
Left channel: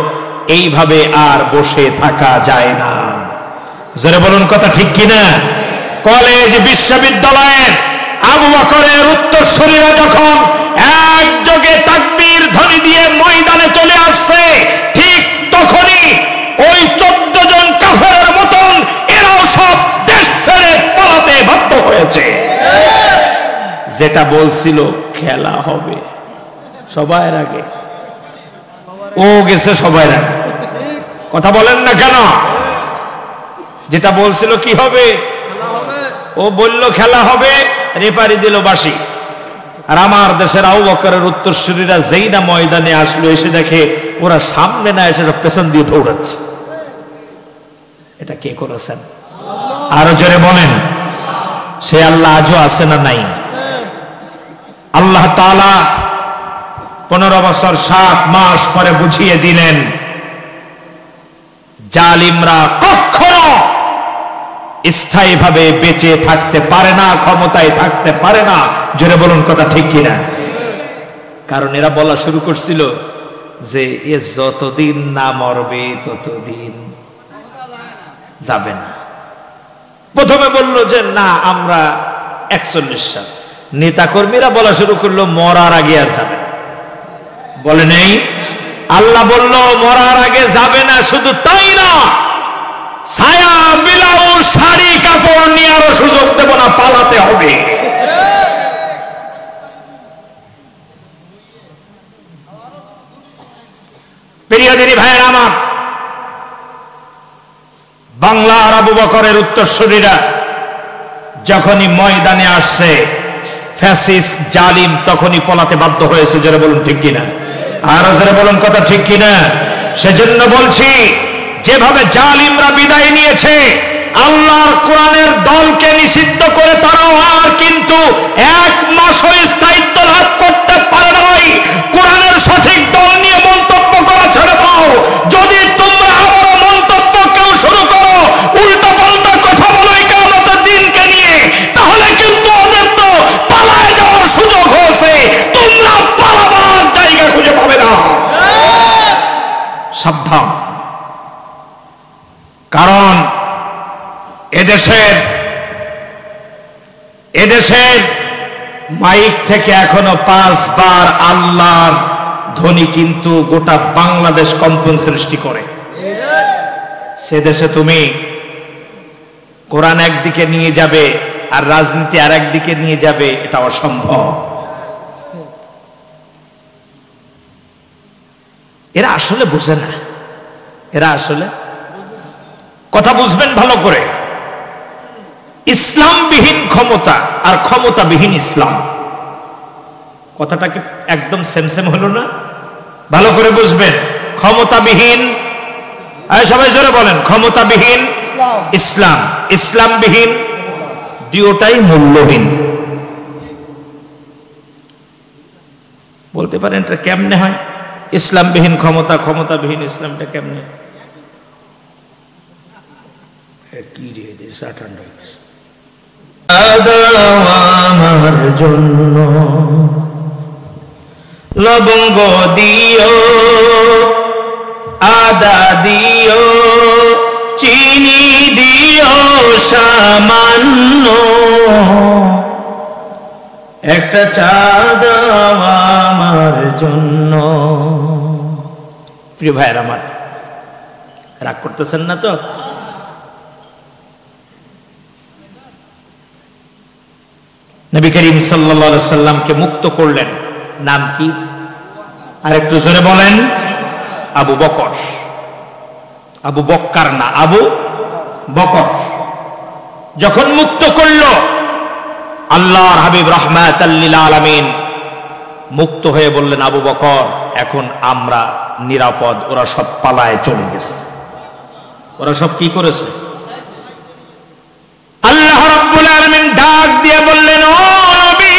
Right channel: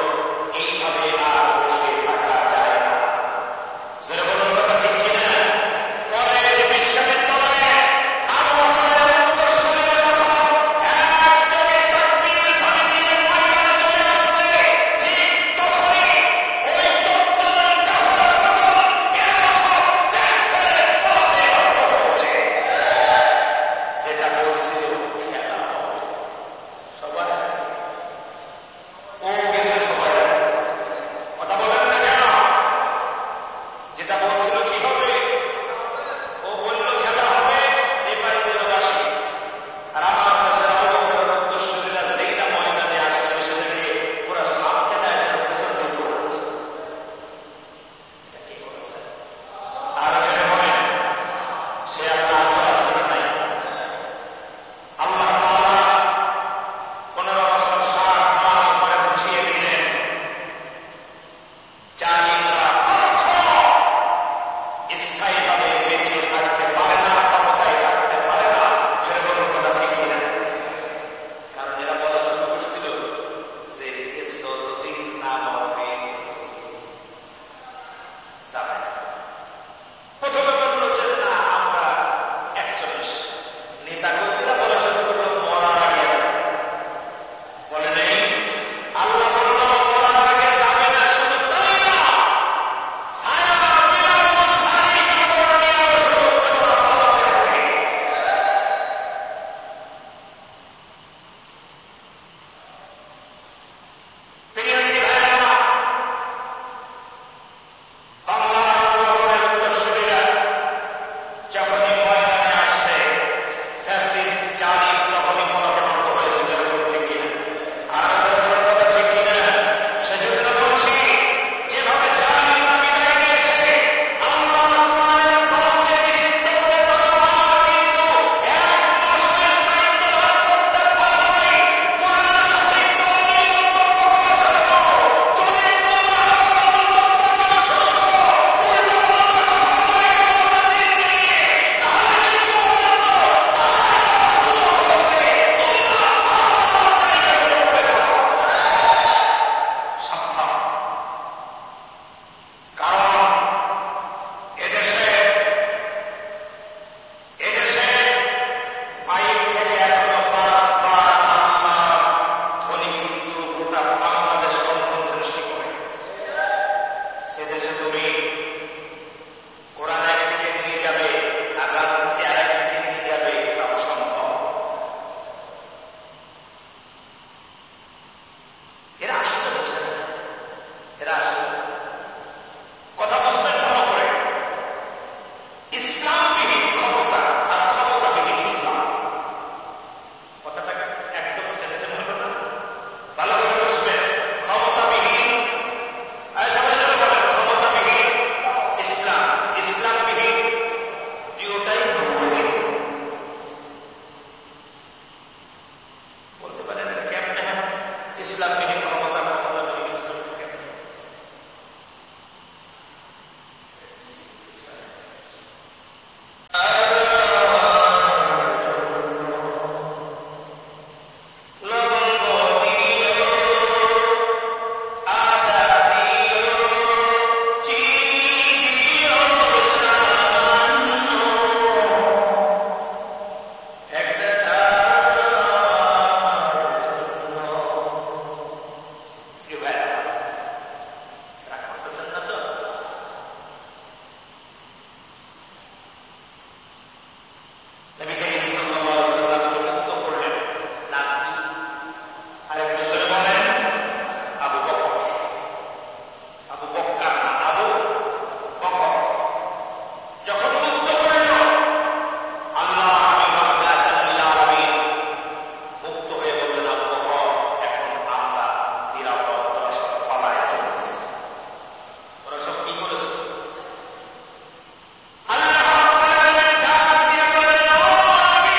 এইভাবে আর বসে থাকা যায় না। জোরে বলুন কথা ঠিক কিনা? কলেজ বিশ্ববিদ্যালয়ের আবু বকরের উত্তরসূরিরা যখন একযোগে তাকবীর ধ্বনি দিয়ে ময়দানে চলে আসছে, ঠিক তখনই ওই 14 জন কাফেরের মতন এরাও সব দেশ ছেড়ে পালাতে বাধ্য হয়েছে। যেটা বলছিল খেলা হবে সবার আগে, ও গেছে সবার আগে। কথা বলেন না কেন? যেটা বলছিল কি হবে, ও বলল খেলা হবে, রেপারি দিল বাঁশি। আর আমার দেশের আবু বকরের উত্তরসূরিরা যেই না ময়দানে আসলো, এসে দেখে ওরা সামনে না এসে পেছন দিয়ে দৌড়াচ্ছে। এটা কে করেছেন? আরো জোরে বলেন। সে আল্লাহ আজও আছে না নাই? আল্লাহ তাআলা 15 বছর 7 মাস পরে বুঝিয়ে দিলেন জালিমরা কখনো স্থায়ীভাবে বেঁচে থাকতে পারে না, ক্ষমতায় থাকতে পারে না। জোরে বলুন কথা ঠিক কিনা? কারণ এরা বলা শুরু করছিল যে এ যতদিন না মরবে ততদিন যাবে না। প্রথমে বলল যে না আমরা 41 সাল, নেতা কর্মীরা বলা শুরু করলো মরার আগে আর যাবে। বলে নেই, আল্লাহ বলল মরার আগে যাবে না। শুধু তাই না, ছায়া বিলাও শাড়ি কাপড় নিয়ে আরো সুযোগ দেব না, পালাতে হবে। প্রিয় দিনী ভাইয়ের আমার, বাংলার আবু বকরের উত্তরসূরিরা যখনই ময়দানে আসছে, ফ্যাসিস্ট জালিম তখনই পলাতে বাধ্য হয়েছে। জোরে বলুন ঠিক কিনা? আরো জোরে বলুন কথা ঠিক কিনা? সেজন্য বলছি, যেভাবে জালিমরা বিদায় নিয়েছে, আল্লাহর কোরআনের দলকে নিষিদ্ধ করে তারাও আর কিন্তু 1 মাসও স্থায়িত্ব লাভ করতে পারে নাই। কোরআনের সঠিক দল নিয়ে মন্তব্য করা ছেড়ে দাও। যদি তোমরা আবারও মন্তব্য কেউ শুরু করো, উল্টা পাল্টা কথা বলো কিয়ামতের দিনকে নিয়ে, তাহলে কিন্তু ওদের তো পালায় যাওয়ার সুযোগ হয়েছে, তোমরা পালাবার জায়গা খুঁজে পাবে না। সাবধান। কারণ এদেশের মাইক থেকে এখনো 5 বার আল্লাহর ধ্বনি কিন্তু গোটা বাংলাদেশ কম্পন সৃষ্টি করে। সে দেশে তুমি কোরআন একদিকে নিয়ে যাবে আর রাজনীতি আর একদিকে নিয়ে যাবে, এটা অসম্ভব। এরা আসলে বোঝে না। এরা আসলে কথা বুঝবেন ভালো করে। ইসলামবিহীন ক্ষমতা আর ক্ষমতাবিহীন ইসলাম, কথাটা কি একদম সেম সেম হলো না? ভালো করে বুঝবেন। ক্ষমতাবিহীন, সবাই জোরে বলেন, ক্ষমতাবিহীন ইসলাম, ইসলামবিহীন দুটোটাই মূল্যহীন। বলতে পারেন এটা কেমনে হয়? ইসলামবিহীন ক্ষমতা, ক্ষমতাবিহীন ইসলামটা কেমনে? আমার জন্য লবঙ্গ দিও, আদা দিও, চিনি দিও সামান্য, একটা চা দাও আমার জন্য। প্রিয় ভাইয়ের আমার, রাগ করতেছেন না তো? নবী করিম সাল্লাল্লাহু আলাইহি সাল্লামকে মুক্ত করলেন। নাম কি? আর একটু জোরে বলেন। আবু বকর। আবু বক্কার না, আবু বকর। যখন মুক্ত করল, আল্লাহর হাবিব রাহমাতাল লিল আলামিন মুক্ত হয়ে বললেন, আবু বকর এখন আমরা নিরাপদ, ওরা সব পালায় চলে গেছে। ওরা সব কি করেছে? আল্লাহ রাব্বুল আলামিন ডাক দিয়ে বললেন, ও নবী,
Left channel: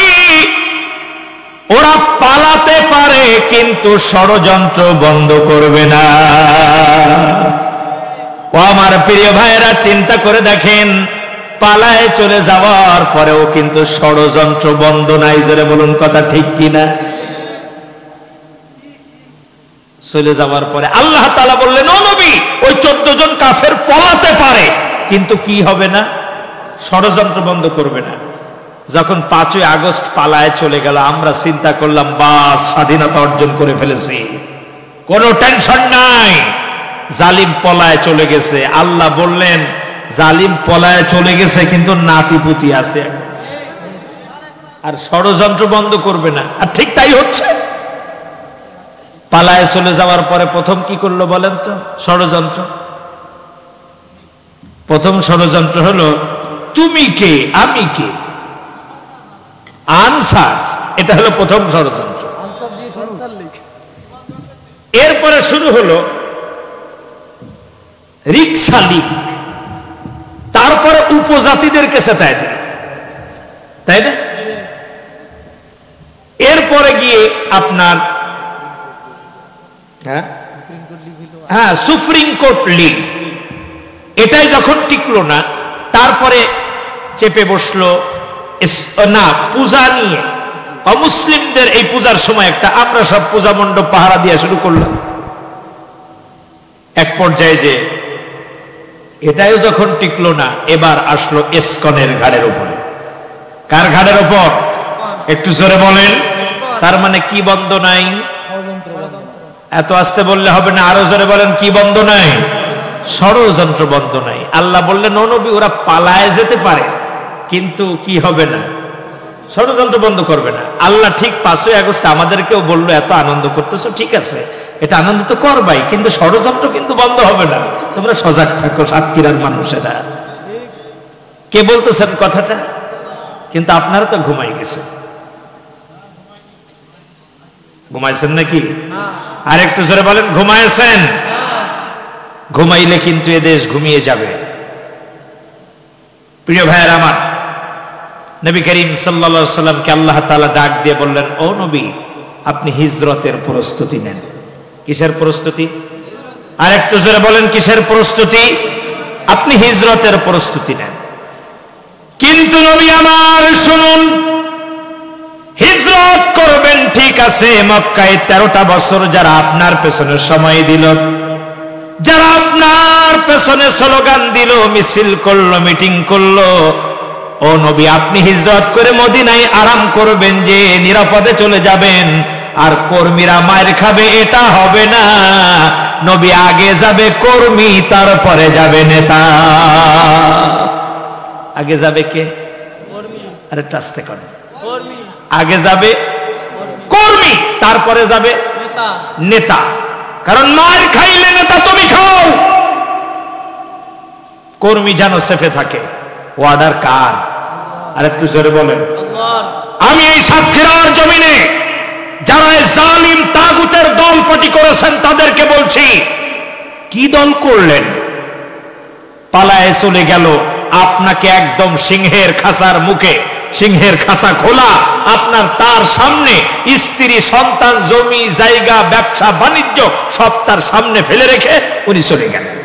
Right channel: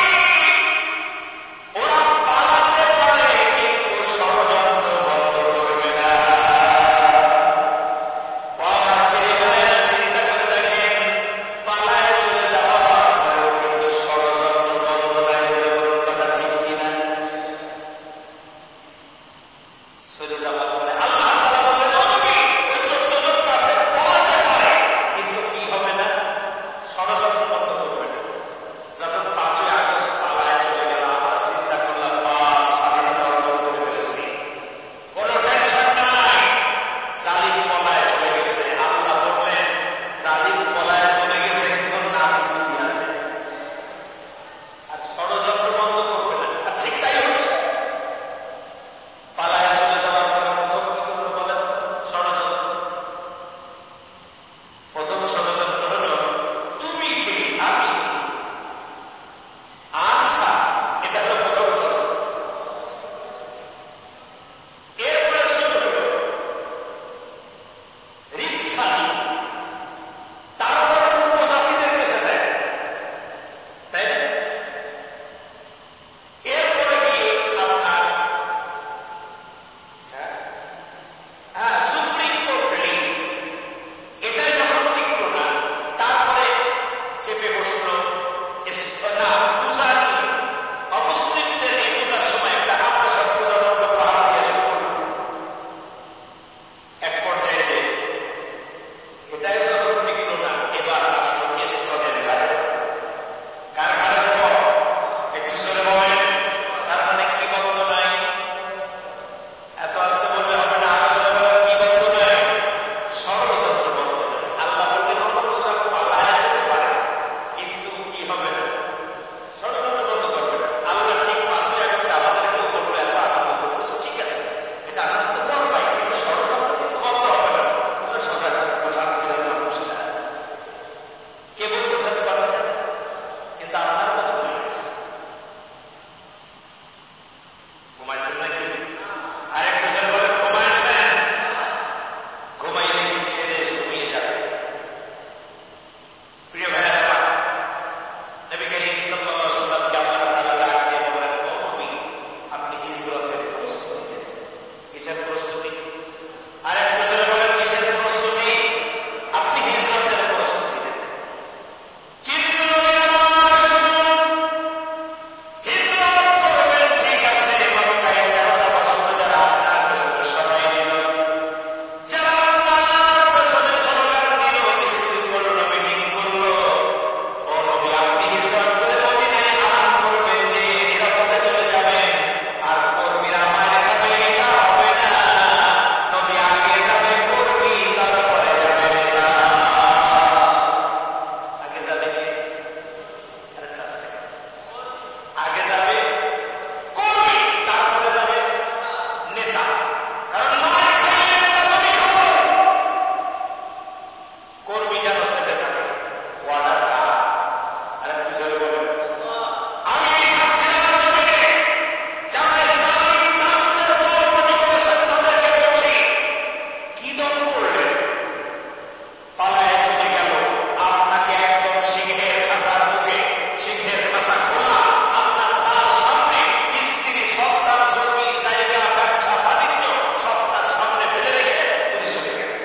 ওরা পালাতে পারে কিন্তু ষড়যন্ত্র বন্ধ করবে না। ও আমার প্রিয় ভাইয়েরা, চিন্তা করে দেখেন, পালায় চলে যাওয়ার পরেও কিন্তু ষড়যন্ত্র বন্ধ নাই। জোরে বলুন কথা ঠিক কিনা? চলে যাওয়ার পরে আল্লাহ তাআলা বললেন, ও নবী, ওই 14 জন কাফের পলাতে পারে কিন্তু কি হবে না? ষড়যন্ত্র বন্ধ করবে না। যখন 5ই আগস্ট পালায় চলে গেল, আমরা চিন্তা করলাম বাস, স্বাধীনতা অর্জন করে ফেলেছি, কোনো টেনশন নাই, জালিম পলায় চলে গেছে। আল্লাহ বললেন, জালিম পলায় চলে গেছে কিন্তু নাতিপুতি আছে, আর ষড়যন্ত্র বন্ধ করবে না। আর ঠিক তাই হচ্ছে। পালায় চলে যাওয়ার পরে প্রথম কি করলো বলেন তো? ষড়যন্ত্র। প্রথম ষড়যন্ত্র হলো, তুমি কে আমি কে, আনসার। এটা হলো প্রথম ষড়যন্ত্র। এরপরে শুরু হলো রিকশা লীগ, তারপরে উপজাতিদের কাছে তাই দিল, তাই না? এরপরে গিয়ে আপনার হ্যাঁ সুপ্রিম কোর্ট লীগ। এটাই যখন টিকলো না, তারপরে চেপে বসলো না পূজা নিয়ে। অমুসলিমদের এই পূজার সময় একটা, আমরা সব পূজা মণ্ডপ পাহারা দিয়ে শুরু করলাম। এক পর্যায়ে যে এটাও যখন টিকলো না, এবার আসলো ইসকনের ঘাড়ের উপরে। কার ঘাড়ের উপর? একটু জোরে বলেন। তার মানে কি বন্ধ নাই? এত আস্তে বললে হবে না, আরো জোরে বলেন। কি বন্ধ নাই? ষড়যন্ত্র বন্ধ নাই। আল্লাহ বললেন, ও নবী, ওরা পালায় যেতে পারে কিন্তু কি হবে না? ষড়যন্ত্র বন্ধ করবে না। আল্লাহ ঠিক 5ই আগস্ট আমাদেরকেও বললো, এত আনন্দ করতেছো, ঠিক আছে, এটা আনন্দ তো করবাই, কিন্তু ষড়যন্ত্র কিন্তু বন্ধ হবে না, তোমরা সজাগ থাকো সাতক্ষীরার মানুষেরা। কে বলতেছেন কথাটা? কিন্তু আপনারা তো ঘুমাই গেছে। ঘুমাইছেন নাকি? আর একটু জোরে বলেন, ঘুমাইছেন? ঘুমাইলে কিন্তু এ দেশ ঘুমিয়ে যাবে। প্রিয় ভাইয়ের আমার, নবী করিম সাল্লাল্লাহু আলাইহি সাল্লামকে আল্লাহ তাআলা ডাক দিয়ে বললেন, ও নবী, আপনি হিজরতের প্রস্তুতি নেন। কিসের প্রস্তুতি? আর একটু জোরে বলেন, কিসের প্রস্তুতি? আপনি হিজরতের প্রস্তুতি নেন। কিন্তু নবী আমার শুনুন, হিজরত করবেন ঠিক আছে, মক্কায় 13টা বছর যারা আপনার পেছনে সময় দিল, যারা আপনার পেছনে স্লোগান দিল, মিছিল করলো, মিটিং করলো, ও নবী আপনি হিজরত করে মদিনায় আরাম করবেন, যে নিরাপদে চলে যাবেন, আর কর্মীরা মার খাবে, এটা হবে না। নবী আগে যাবে কর্মী, তারপরে যাবে নেতা। আগে যাবে কে? আরে টাস্তে কর। আগে যাবে কর্মী, তারপরে যাবে নেতা। কারণ মার খাইলে নেতা তুমি খাও। কর্মী যেন সেফে থাকে। ওয়ার্ডার কার? আর একটু জোরে বলেন। আমি এই সাতক্ষীরার জমিনে যারা জালিম তাগুতের দলপটি করেছেন তাদেরকে বলছি, কি দল করলেন? পালায় চলে গেল আপনাকে একদম সিংহের খাঁচার মুখে, সিংহের খাঁচা খোলা, আপনার তার সামনে স্ত্রী, সন্তান, জমি জায়গা, ব্যবসা বাণিজ্য সব তার সামনে ফেলে রেখে উনি চলে গেলেন।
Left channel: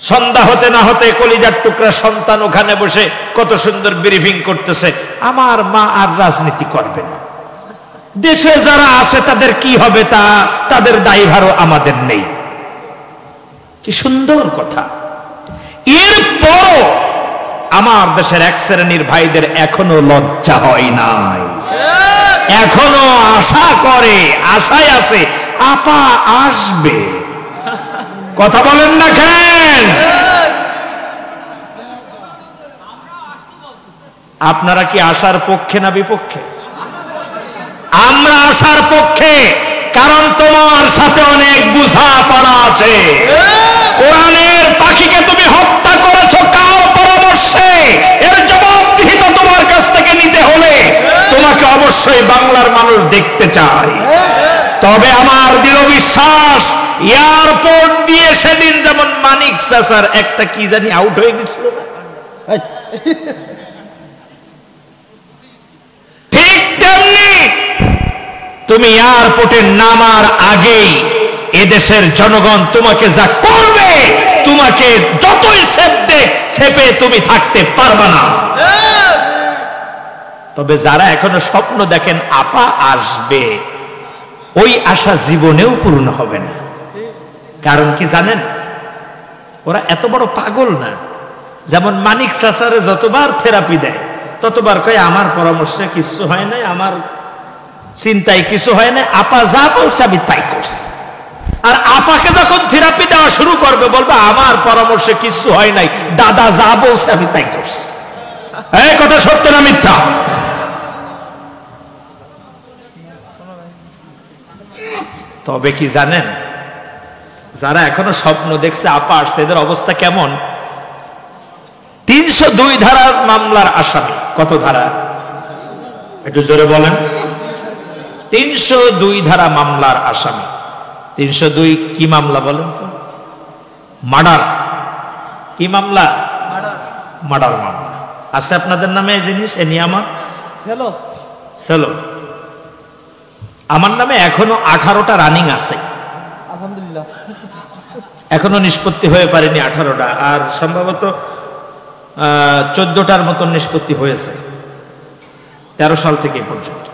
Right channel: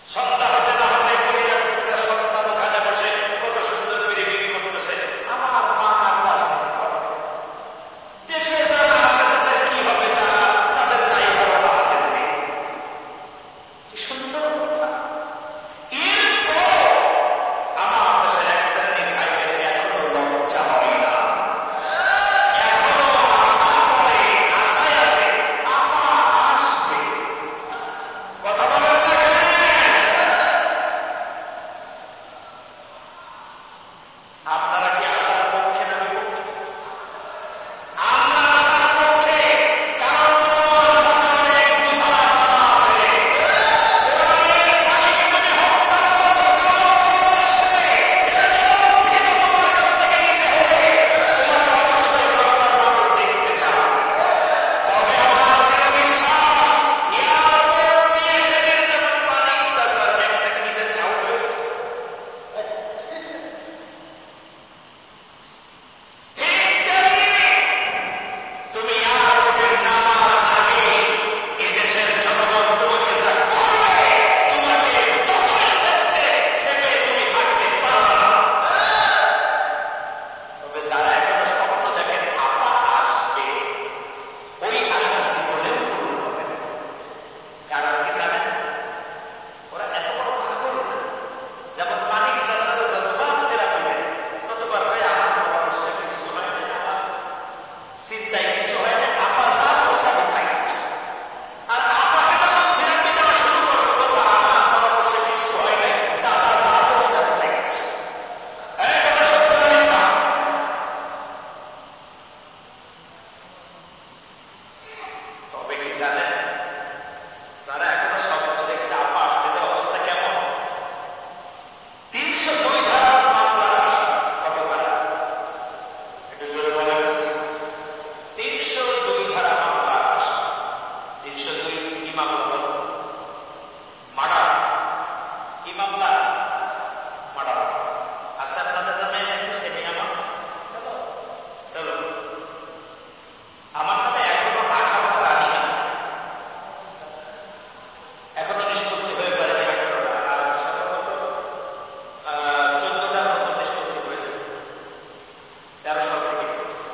সন্ধ্যা হতে না হতে কলিজার টুকরা সন্তান ওখানে বসে কত সুন্দর ব্রিফিং করতেছে, আমার মা আর রাজনীতি করবে না, দেশে যারা আছে তাদের কি হবে তা তাদের দায়ভারও আমাদের নেই। কি সুন্দর কথা। এরপরও আমার দেশের এক শ্রেণীর ভাইদের এখনো লজ্জা হয় নাই, এখনো আশা করে, আশায় আছে আপা আসবে। কথা বলেন না কেন? আপনারা কি আশার পক্ষে না বিপক্ষে? আমরা আশার পক্ষে, কারণ তোমার সাথে অনেক বোঝাপড়া আছে। কোরআনের পাখিকে তুমি হত্যা করেছো কার পরামর্শে? এর জবাবদিহি তো তোমার কাছ থেকে নিতে হলে তোমাকে অবশ্যই বাংলার মানুষ দেখতে চায়। তবে আমার দৃঢ় বিশ্বাস, এয়ারপোর্ট দিয়ে সেদিন যেমন মানিক চাচার একটা কি জানি আউট হয়ে গেছিল, ঠিক তেমনি তুমি এয়ারপোর্টে নামার আগেই এদেশের জনগণ তোমাকে যা করবে, তোমাকে যতই সেপে তুমি থাকতে পারবে না। তবে যারা এখনো স্বপ্ন দেখেন আপা আসবে, ওই আশা জীবনেও পূর্ণ হবে না। কারণ কি জানেন? ওরা এত বড় পাগল না। যেমন মানিক চাচারে যতবার থেরাপি দেয় ততবার কয় আমার পরামর্শে কিছু হয় নাই, আমার চিন্তায় কিছু হয় না, আপা যা বলছে আমি তাই করছি। আর আপাকে যখন থেরাপি দেওয়া শুরু করবে বলবে আমার পরামর্শে কিছু হয় নাই, দাদা যা বলছে আমি তাই করছি। এই কথা সত্য না মিথ্যা? তবে কি জানেন, যারা এখনো স্বপ্ন দেখছে আপা আসছে, এদের অবস্থা কেমন? 302 ধারার মামলার আসামি। কত ধারা? একটু জোরে বলেন। 302 ধারা মামলার আসামি। 302 কি মামলা বলেন তো? মার্ডার। কি মামলা? মার্ডার মামলা। আছে আপনাদের নামে এই জিনিস? এ নিয়ামত সেলো। আমার নামে এখনো 18টা রানিং আছে, আলহামদুলিল্লাহ। এখনো নিষ্পত্তি হয়ে পারেনি 18টা, আর সম্ভবত 14টার মতন নিষ্পত্তি হয়েছে 13 সাল থেকে পর্যন্ত।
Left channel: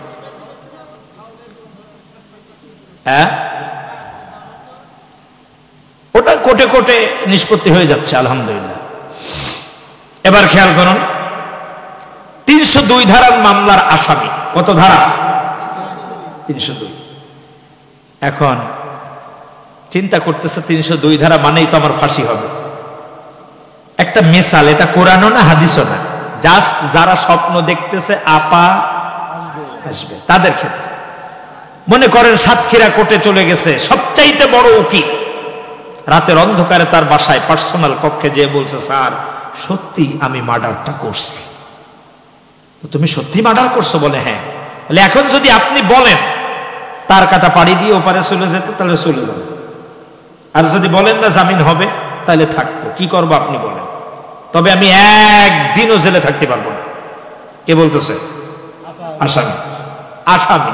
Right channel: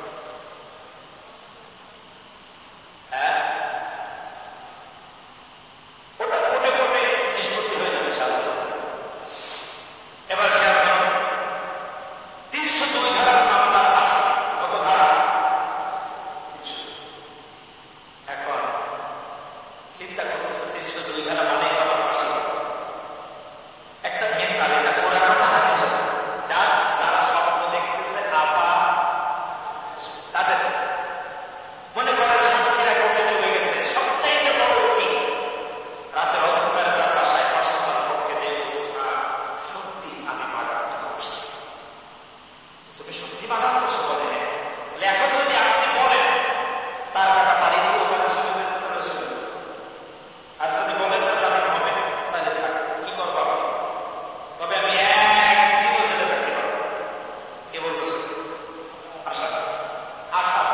হ্যাঁ, ওটা কোটে কোটে নিষ্পত্তি হয়ে যাচ্ছে আলহামদুলিল্লাহ। এবার খেয়াল করুন, 302 ধারার মামলার আসামি। কত ধারা? 302। এখন চিন্তা করতেছে 302 ধারা মানেই তো আমার ফাঁসি হবে। একটা মিসাল, এটা কোরআনও না হাদিসও না, জাস্ট যারা স্বপ্ন দেখতেছে আপা আসবে তাদের ক্ষেত্রে। মনে করেন সাতক্ষীরা কোর্টে চলে গেছে সবচাইতে বড় উকিল, রাতের অন্ধকারে তার বাসায় পার্সোনাল কক্ষে যেয়ে বলছে, স্যার সত্যি আমি মার্ডারটা করছি। তুমি সত্যি মার্ডার করছো? বলে হ্যাঁ। বলে এখন যদি আপনি বলেন তার কাটা পাড়ি দিয়ে ওপারে চলে যেতে, তাহলে চলে যাবে। আর যদি বলেন না জামিন হবে, তাহলে থাকতো। কি করবো আপনি বলেন? তবে আমি একদিনও জেলে থাকতে পারবো না। কে বলতেছে? আসামি। আসামি।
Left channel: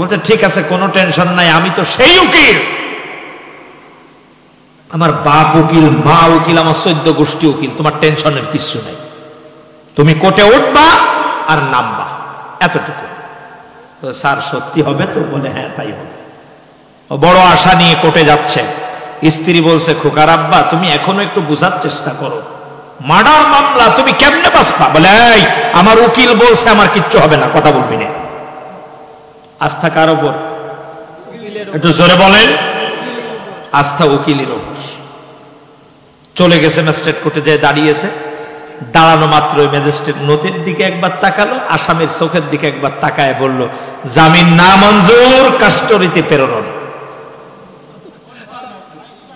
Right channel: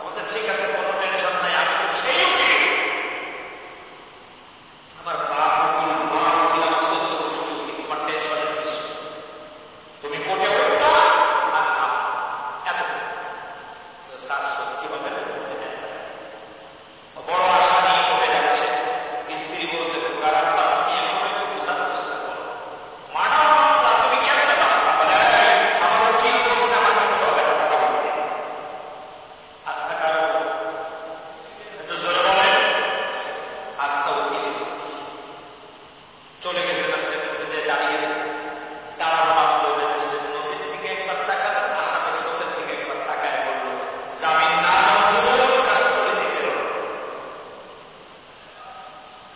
বলছে ঠিক আছে, কোনো টেনশন নাই, আমি তো সেই উকিল, আমার বাপ উকিল, মা উকিল, আমার 14 গোষ্ঠী উকিল, তোমার টেনশনের কিছু নেই। তুমি কোর্টে উঠবা আর নামবা, এতটুকু। তো স্যার সত্যি হবে তো? বলে হ্যাঁ তাই হবে। বড় আশা নিয়ে কোর্টে যাচ্ছে। স্ত্রী বলছে, খোকার আব্বা তুমি এখনো একটু বুঝার চেষ্টা করো, মার্ডার মামলা তুমি কেমনে বাঁচবা? বলে এই আমার উকিল বলছে আমার কিচ্ছু হবে না, কথা বলবি না। আস্থা কার ওপর? একটু জোরে বলেন। আস্থা উকিলের ওপর। চলে গেছে ম্যাজিস্ট্রেট কোর্টে, যায় দাঁড়িয়েছে। দাঁড়ানো মাত্র ম্যাজিস্ট্রেট নথির দিকে একবার তাকালো, আসামির চোখের দিকে একবার তাকায় বলল, জামিন না মঞ্জুর, কাস্টডিতে প্রেরণ।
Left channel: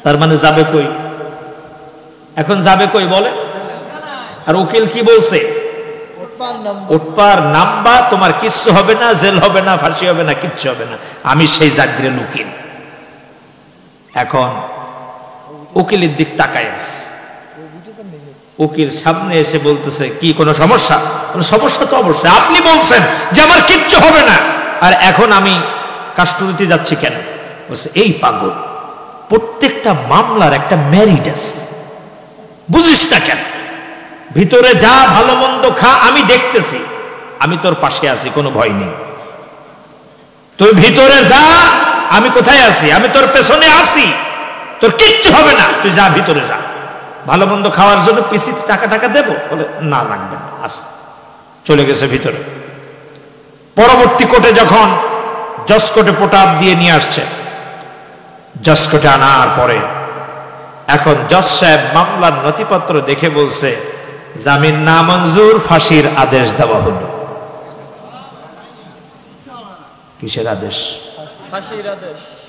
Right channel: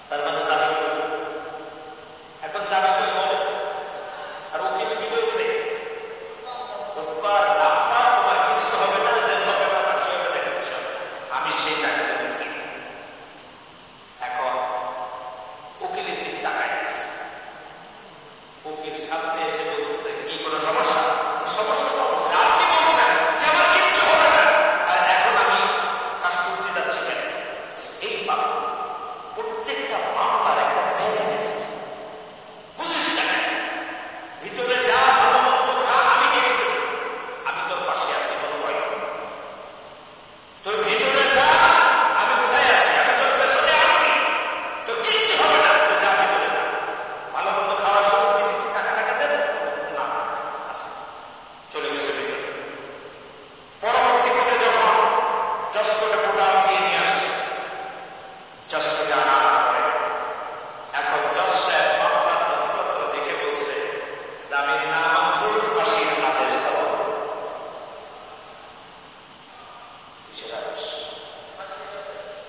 তার মানে যাবে কই? এখন যাবে কই বলে? আর উকিল কি বলছে? উঠপার নামবা, তোমার কিচ্ছু হবে না, জেল হবে না, ফাঁসি হবে না, কিচ্ছু হবে না, আমি সেই জাগ্রে উকিল। এখন উকিলের দিক তাকায় আছে, উকিল সামনে এসে বলতেছে, কি কোনো সমস্যা? সমস্যা তো অবশ্যই, আপনি বলছেন যে আমার কিচ্ছু হবে না, আর এখন আমি কাস্টডিতে যাচ্ছি কেন? বলছে, এই পাগল, প্রত্যেকটা মামলার একটা মেরিট আছে, বুঝিস না কেন? ভিতরে যা, ভালো মন্দ খা, আমি দেখতেছি, আমি তোর পাশে আছি, কোনো ভয় নেই। তুই ভিতরে যা, আমি কোথায় আছি? আমি তোর পেছনে আছি, তোর কিচ্ছু হবে না, তুই যা, ভিতরে যা। ভালো মন্দ খাওয়ার জন্য পিসিতে টাকা দেবো? বলে, না, লাগবে না, আস। চলে গেছে ভিতরে। পরবর্তী কোর্টে যখন জজ কোর্টে পোটাপ দিয়ে নিয়ে আসছে, জজ কোর্টে আনার পরে এখন জজ সাহেব মামলার নথিপত্র দেখে বলছে, জামিন নামঞ্জুর, ফাঁসির আদেশ দেওয়া হলো। কিসের আদেশ?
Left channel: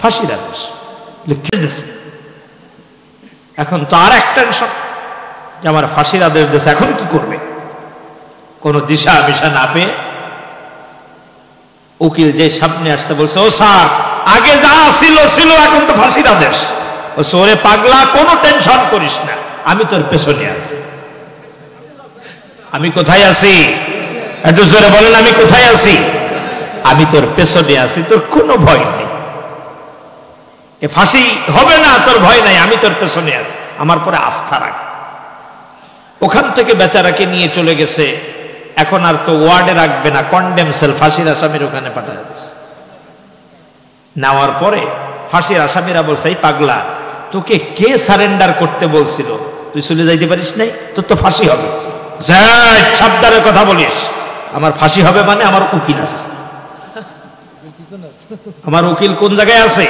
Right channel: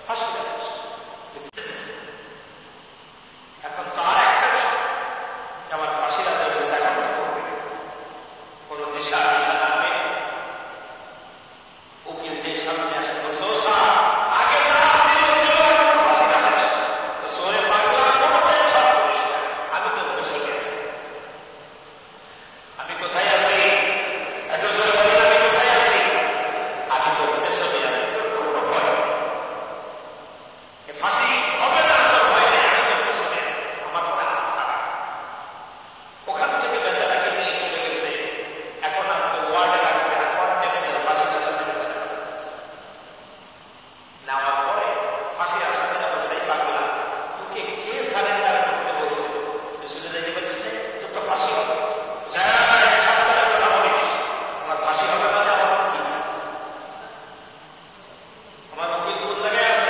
ফাঁসির আদেশ লিখে দিয়েছে। এখন তো আর এক টেনশন যে আমার ফাঁসির আদেশ দিয়েছে, এখন কি করবে? কোনো দিশা মিশা না পেয়ে উকিল যে সামনে আসছে বলছে, ও স্যার, আগে যা ছিল, এখন তো ফাঁসির আদেশ। ও সোরে পাগলা, কোনো টেনশন করিস না, আমি তোর পেছনে আছি। আমি কোথায় আছি? একটু জোরে বলেন, আমি কোথায় আছি? আমি তোর পেছনে আছি, তোর কোনো ভয় নাই। এ ফাঁসি হবে না, তোর ভয় নাই, আমি তোর পেছনে আছি, আমার পরে আস্থা রাখ। ওখান থেকে বেচারাকে নিয়ে চলে গেছে। এখন আর তো ওয়ার্ডে রাখবে না, কন্ডেম সেল, ফাঁসির আসামির ওখানে পাঠানো গেছে। নেওয়ার পরে ফাঁসির আসামিরা বলছে, এই পাগলা, তোকে কে সারেন্ডার করতে বলছিল? তুই চলে যাইতে পারিস নাই? তোর তো ফাঁসি হবে। সাবধানের কথা বলিস, আমার ফাঁসি হবে মানে আমার উকিল আছে। আমার উকিল কোন জায়গায় আছে?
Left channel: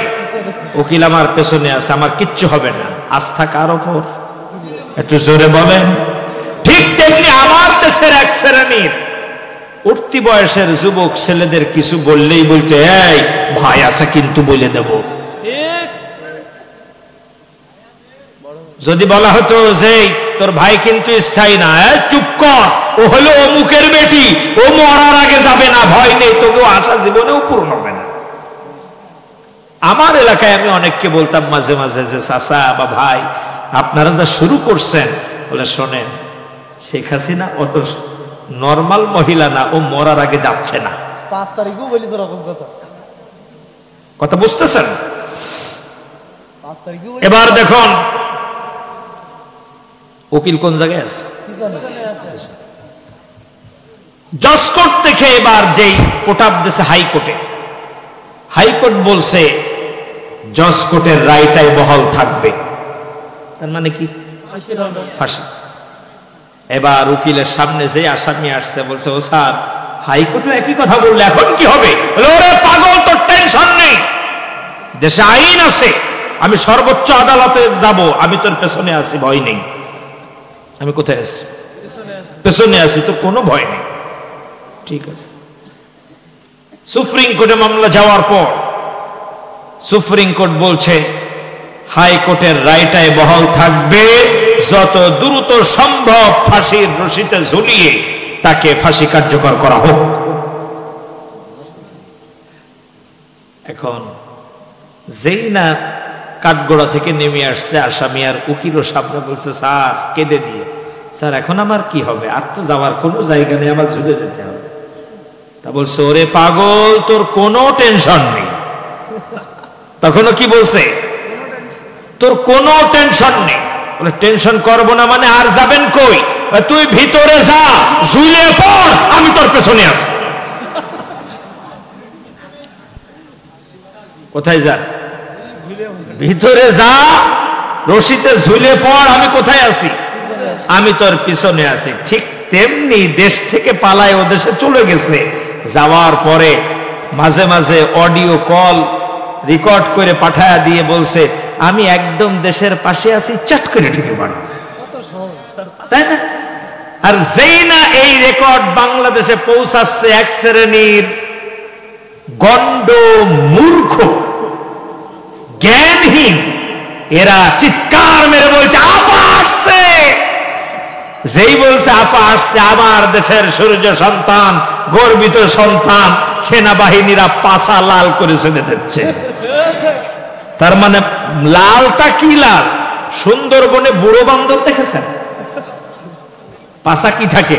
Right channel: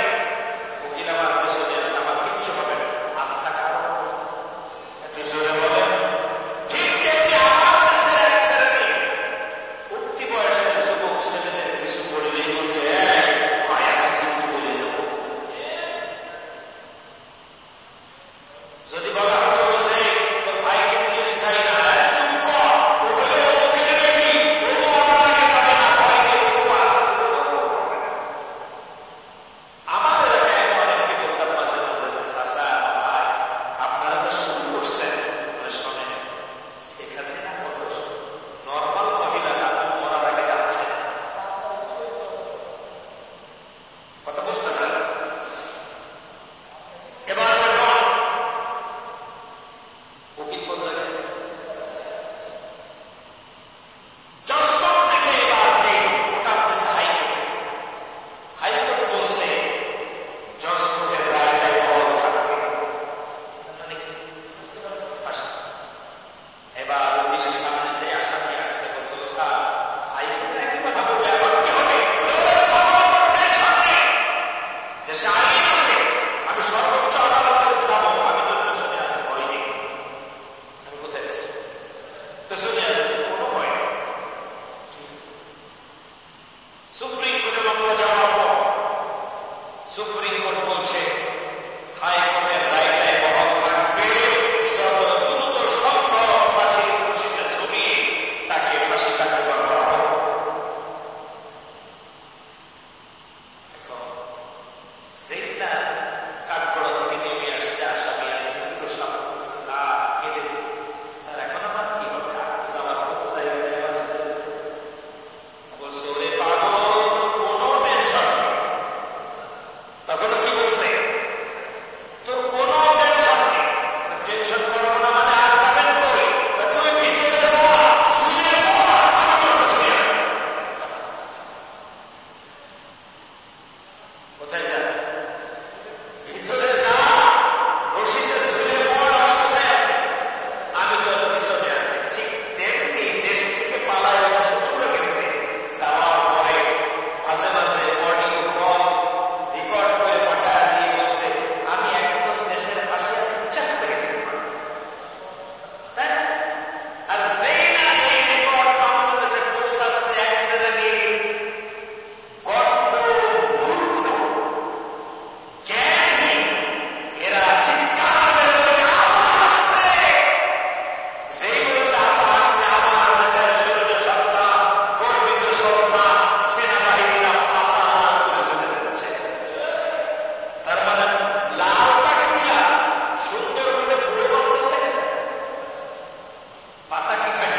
উকিল আমার পেছনে আছে, আমার কিচ্ছু হবে না। আস্থা কার ওপর? একটু জোরে বলেন। ঠিক তেমনি আমার দেশের এক শ্রেণীর উঠতি বয়সের যুবক ছেলেদের কিছু বললেই বলতে, এই ভাই আছে কিন্তু বলে দেব। যদি বলা হতো যে তোর ভাই কিন্তু স্থায়ী না, চুপ কর, ও হলো অমুকের বেটি, ও মরার আগে যাবে না, ভয় নেই, তোকেও আশা জীবনেও পূর্ণ হবে না। আমার এলাকায় আমি অনেককে বলতাম মাঝে মাঝে যে, চাচা বা ভাই, আপনারা যা শুরু করছেন, বলে শোনেন, শেখ হাসিনা অত নর্মাল মহিলা না, ও মরার আগে যাচ্ছে না। 5 তারিখও বলি তো রকম কথা বুঝতেছেন? এবার দেখুন উকিল কোন জায়গায় আছে? জজ কোর্ট থেকে এবার যেই পোটাপ দিয়েছে হাইকোর্টে, হাইকোর্ট বলছে জজ কোর্টের রায়টাই বহাল থাকবে। তার মানে কি? ফাঁসি। এবার উকিলের সামনে যে আসামি আসছে বলছে, ও স্যার, হাইকোর্টে একই কথা বললে, এখন কি হবে? ওরে পাগল, তোর টেনশন নেই, দেশে আইন আছে, আমি সর্বোচ্চ আদালতে যাব, আমি তোর পেছনে আছি, ভয় নেই। আমি কোথায় আছি? পেছনে আছি, তো কোনো ভয় নেই। ঠিক আছে। সুপ্রিম কোর্টে মামলা যাওয়ার পর সুপ্রিম কোর্ট বলছে হাইকোর্টের রায়টাই বহাল থাকবে, যত দ্রুত সম্ভব ফাঁসির রশিতে ঝুলিয়ে তাকে ফাঁসি কার্যকর করা হোক। এখন যেই না কাঠগোড়া থেকে নেমে আসছে আসামি, আর উকিলও সামনে বলছে, স্যার, কেঁদে দিয়ে, স্যার এখন আমার কি হবে? আর তো যাওয়ার কোনো জায়গা নেই, আমার ঝুলে যেতে হবে। তা বলছে, ওরে পাগল, তোর কোনো টেনশন নেই। তখনও কি বলছে? তোর কোনো টেনশন নেই। বলে, টেনশন করবো না মানে? আর যাবেন কই? তুই ভিতরে যা, ঝুলে পড়, আমি তোর পেছনে আছি। কোথায় যা? ভিতরে যা, রশিতে ঝুলে পড়, আমি কোথায় আছি? আমি তোর পিছনে আছি। ঠিক তেমনি দেশ থেকে পালায় ও দেশে চলে গেছে। যাওয়ার পরে মাঝে মাঝে অডিও কল রেকর্ড করে পাঠায়া দিয়ে বলছে, আমি একদম দেশের পাশে আছি, চাট করে ঢুকে পড়ে, তাই না? আর যেই না এই রেকর্ড বাংলাদেশে পৌঁছাচ্ছে, এক শ্রেণীর গন্ড মূর্খ জ্ঞানহীন এরা চিৎকার মেরে বলছে, আপা আসছে। যেই বলছে আপা আসছে, আমার দেশের সূর্য সন্তান, গর্বিত সন্তান, সেনাবাহিনীরা পাছা লাল করে চলে দিচ্ছে। তার মানে লালটা কি লাল? সুন্দরবনে বুড়ো বান্দর দেখেছেন? পাশা কি থাকে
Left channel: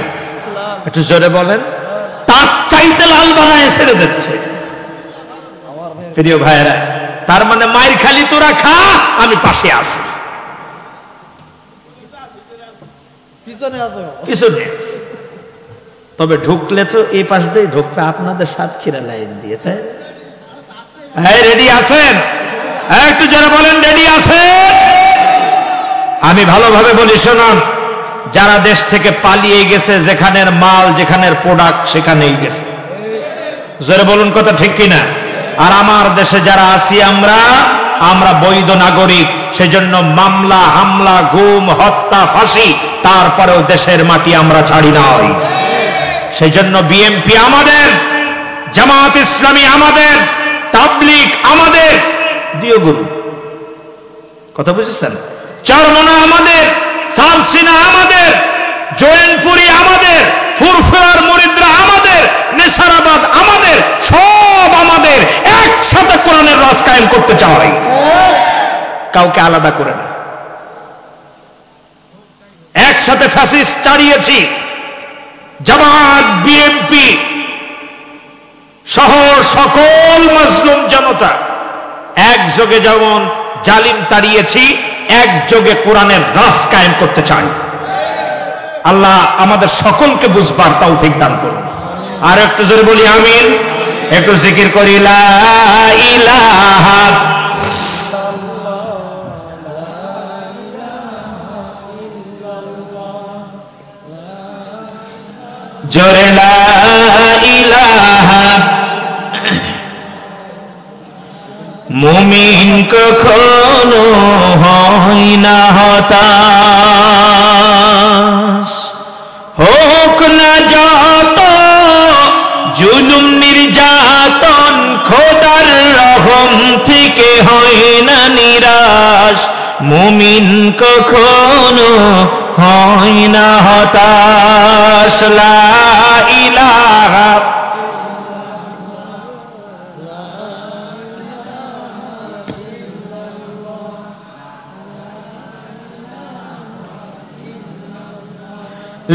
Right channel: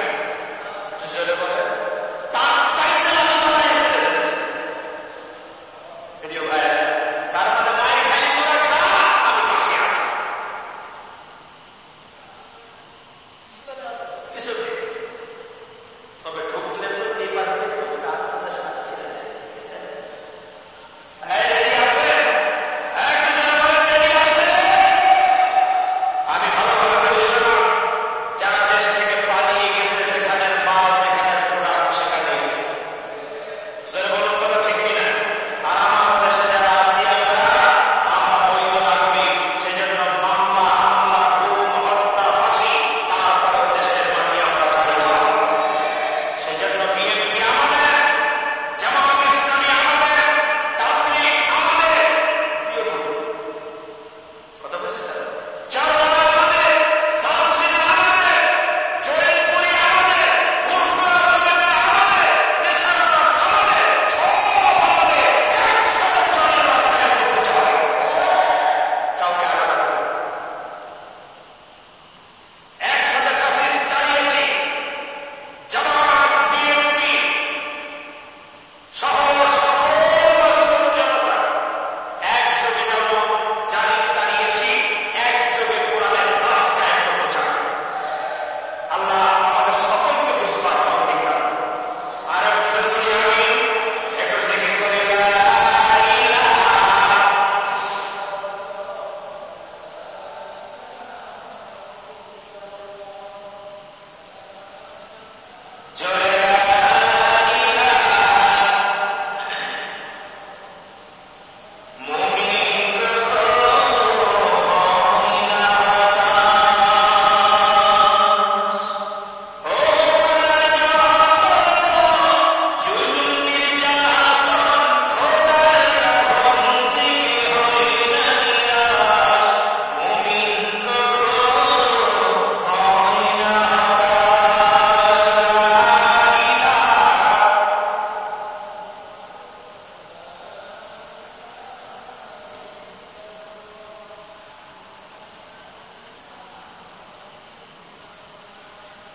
একটু জোরে বলেন, তার চাইতে লাল বানায় ছেড়ে দিচ্ছে। প্রিয় ভাইয়েরা, তার মানে মায়ের খালি তোরা খা, আমি পাশে আছি, পিছনে আছে। তবে ঢুকলে তো এই পাশ দিয়ে ঢুকবে আপনাদের সাতক্ষীরা লাইন দিয়ে, তাই রেডি আছেন? একটু যারা বলেন রেডি আছে। আমি ভালোভাবে বলি শুনুন, যারা দেশ থেকে পালিয়ে গেছে, যেখানের মাল যেখানের প্রোডাক্ট সেখানেই গেছে, জোরে বলুন কথা ঠিক কিনা? আর আমার দেশে যারা আছি আমরা বৈধ নাগরিক, সেজন্য মামলা হামলা গুম হত্যা ফাঁসি, তারপরেও দেশের মাটি আমরা ছাড়ি নাই। সেই জন্য বিএনপি আমাদের, জামাত ইসলামী আমাদের, তাবলিগ আমাদের, দিও গুরু, কথা বুঝেছেন? চরমনা আমাদের, সালসিনা আমাদের, জৈনপুরি আমাদের, ফুরফুরার মুরিদরা আমাদের, নেসারাবাদ আমাদের, সব আমাদের। একসাথে কোরআনের রাজ কায়েম করতে চাই, কাউকে আলাদা করে না। একসাথে ফ্যাসিস্ট তাড়িয়েছি, জামাত বিএনপি সহ সকল মাজলুম জনতা একযোগে যেমন জালিম তাড়িয়েছি, একযোগে কোরআনের রাজ কায়েম করতে চাই। আল্লাহ আমাদের সকলকে বুঝবার তৌফিক দান করুন। আর একটু জোরে বলি আমিন। একটু জিকির করি লা ইলাহা জোরে লা ইলাহা। মুমিন কখনো হয় না হতাশ, হোক না যত জুলুম নির্যাতন, খোদার রহম থেকে হয় না নিরাশ। মুমিন কখনো হয় না হতাশ। লা ইলাহা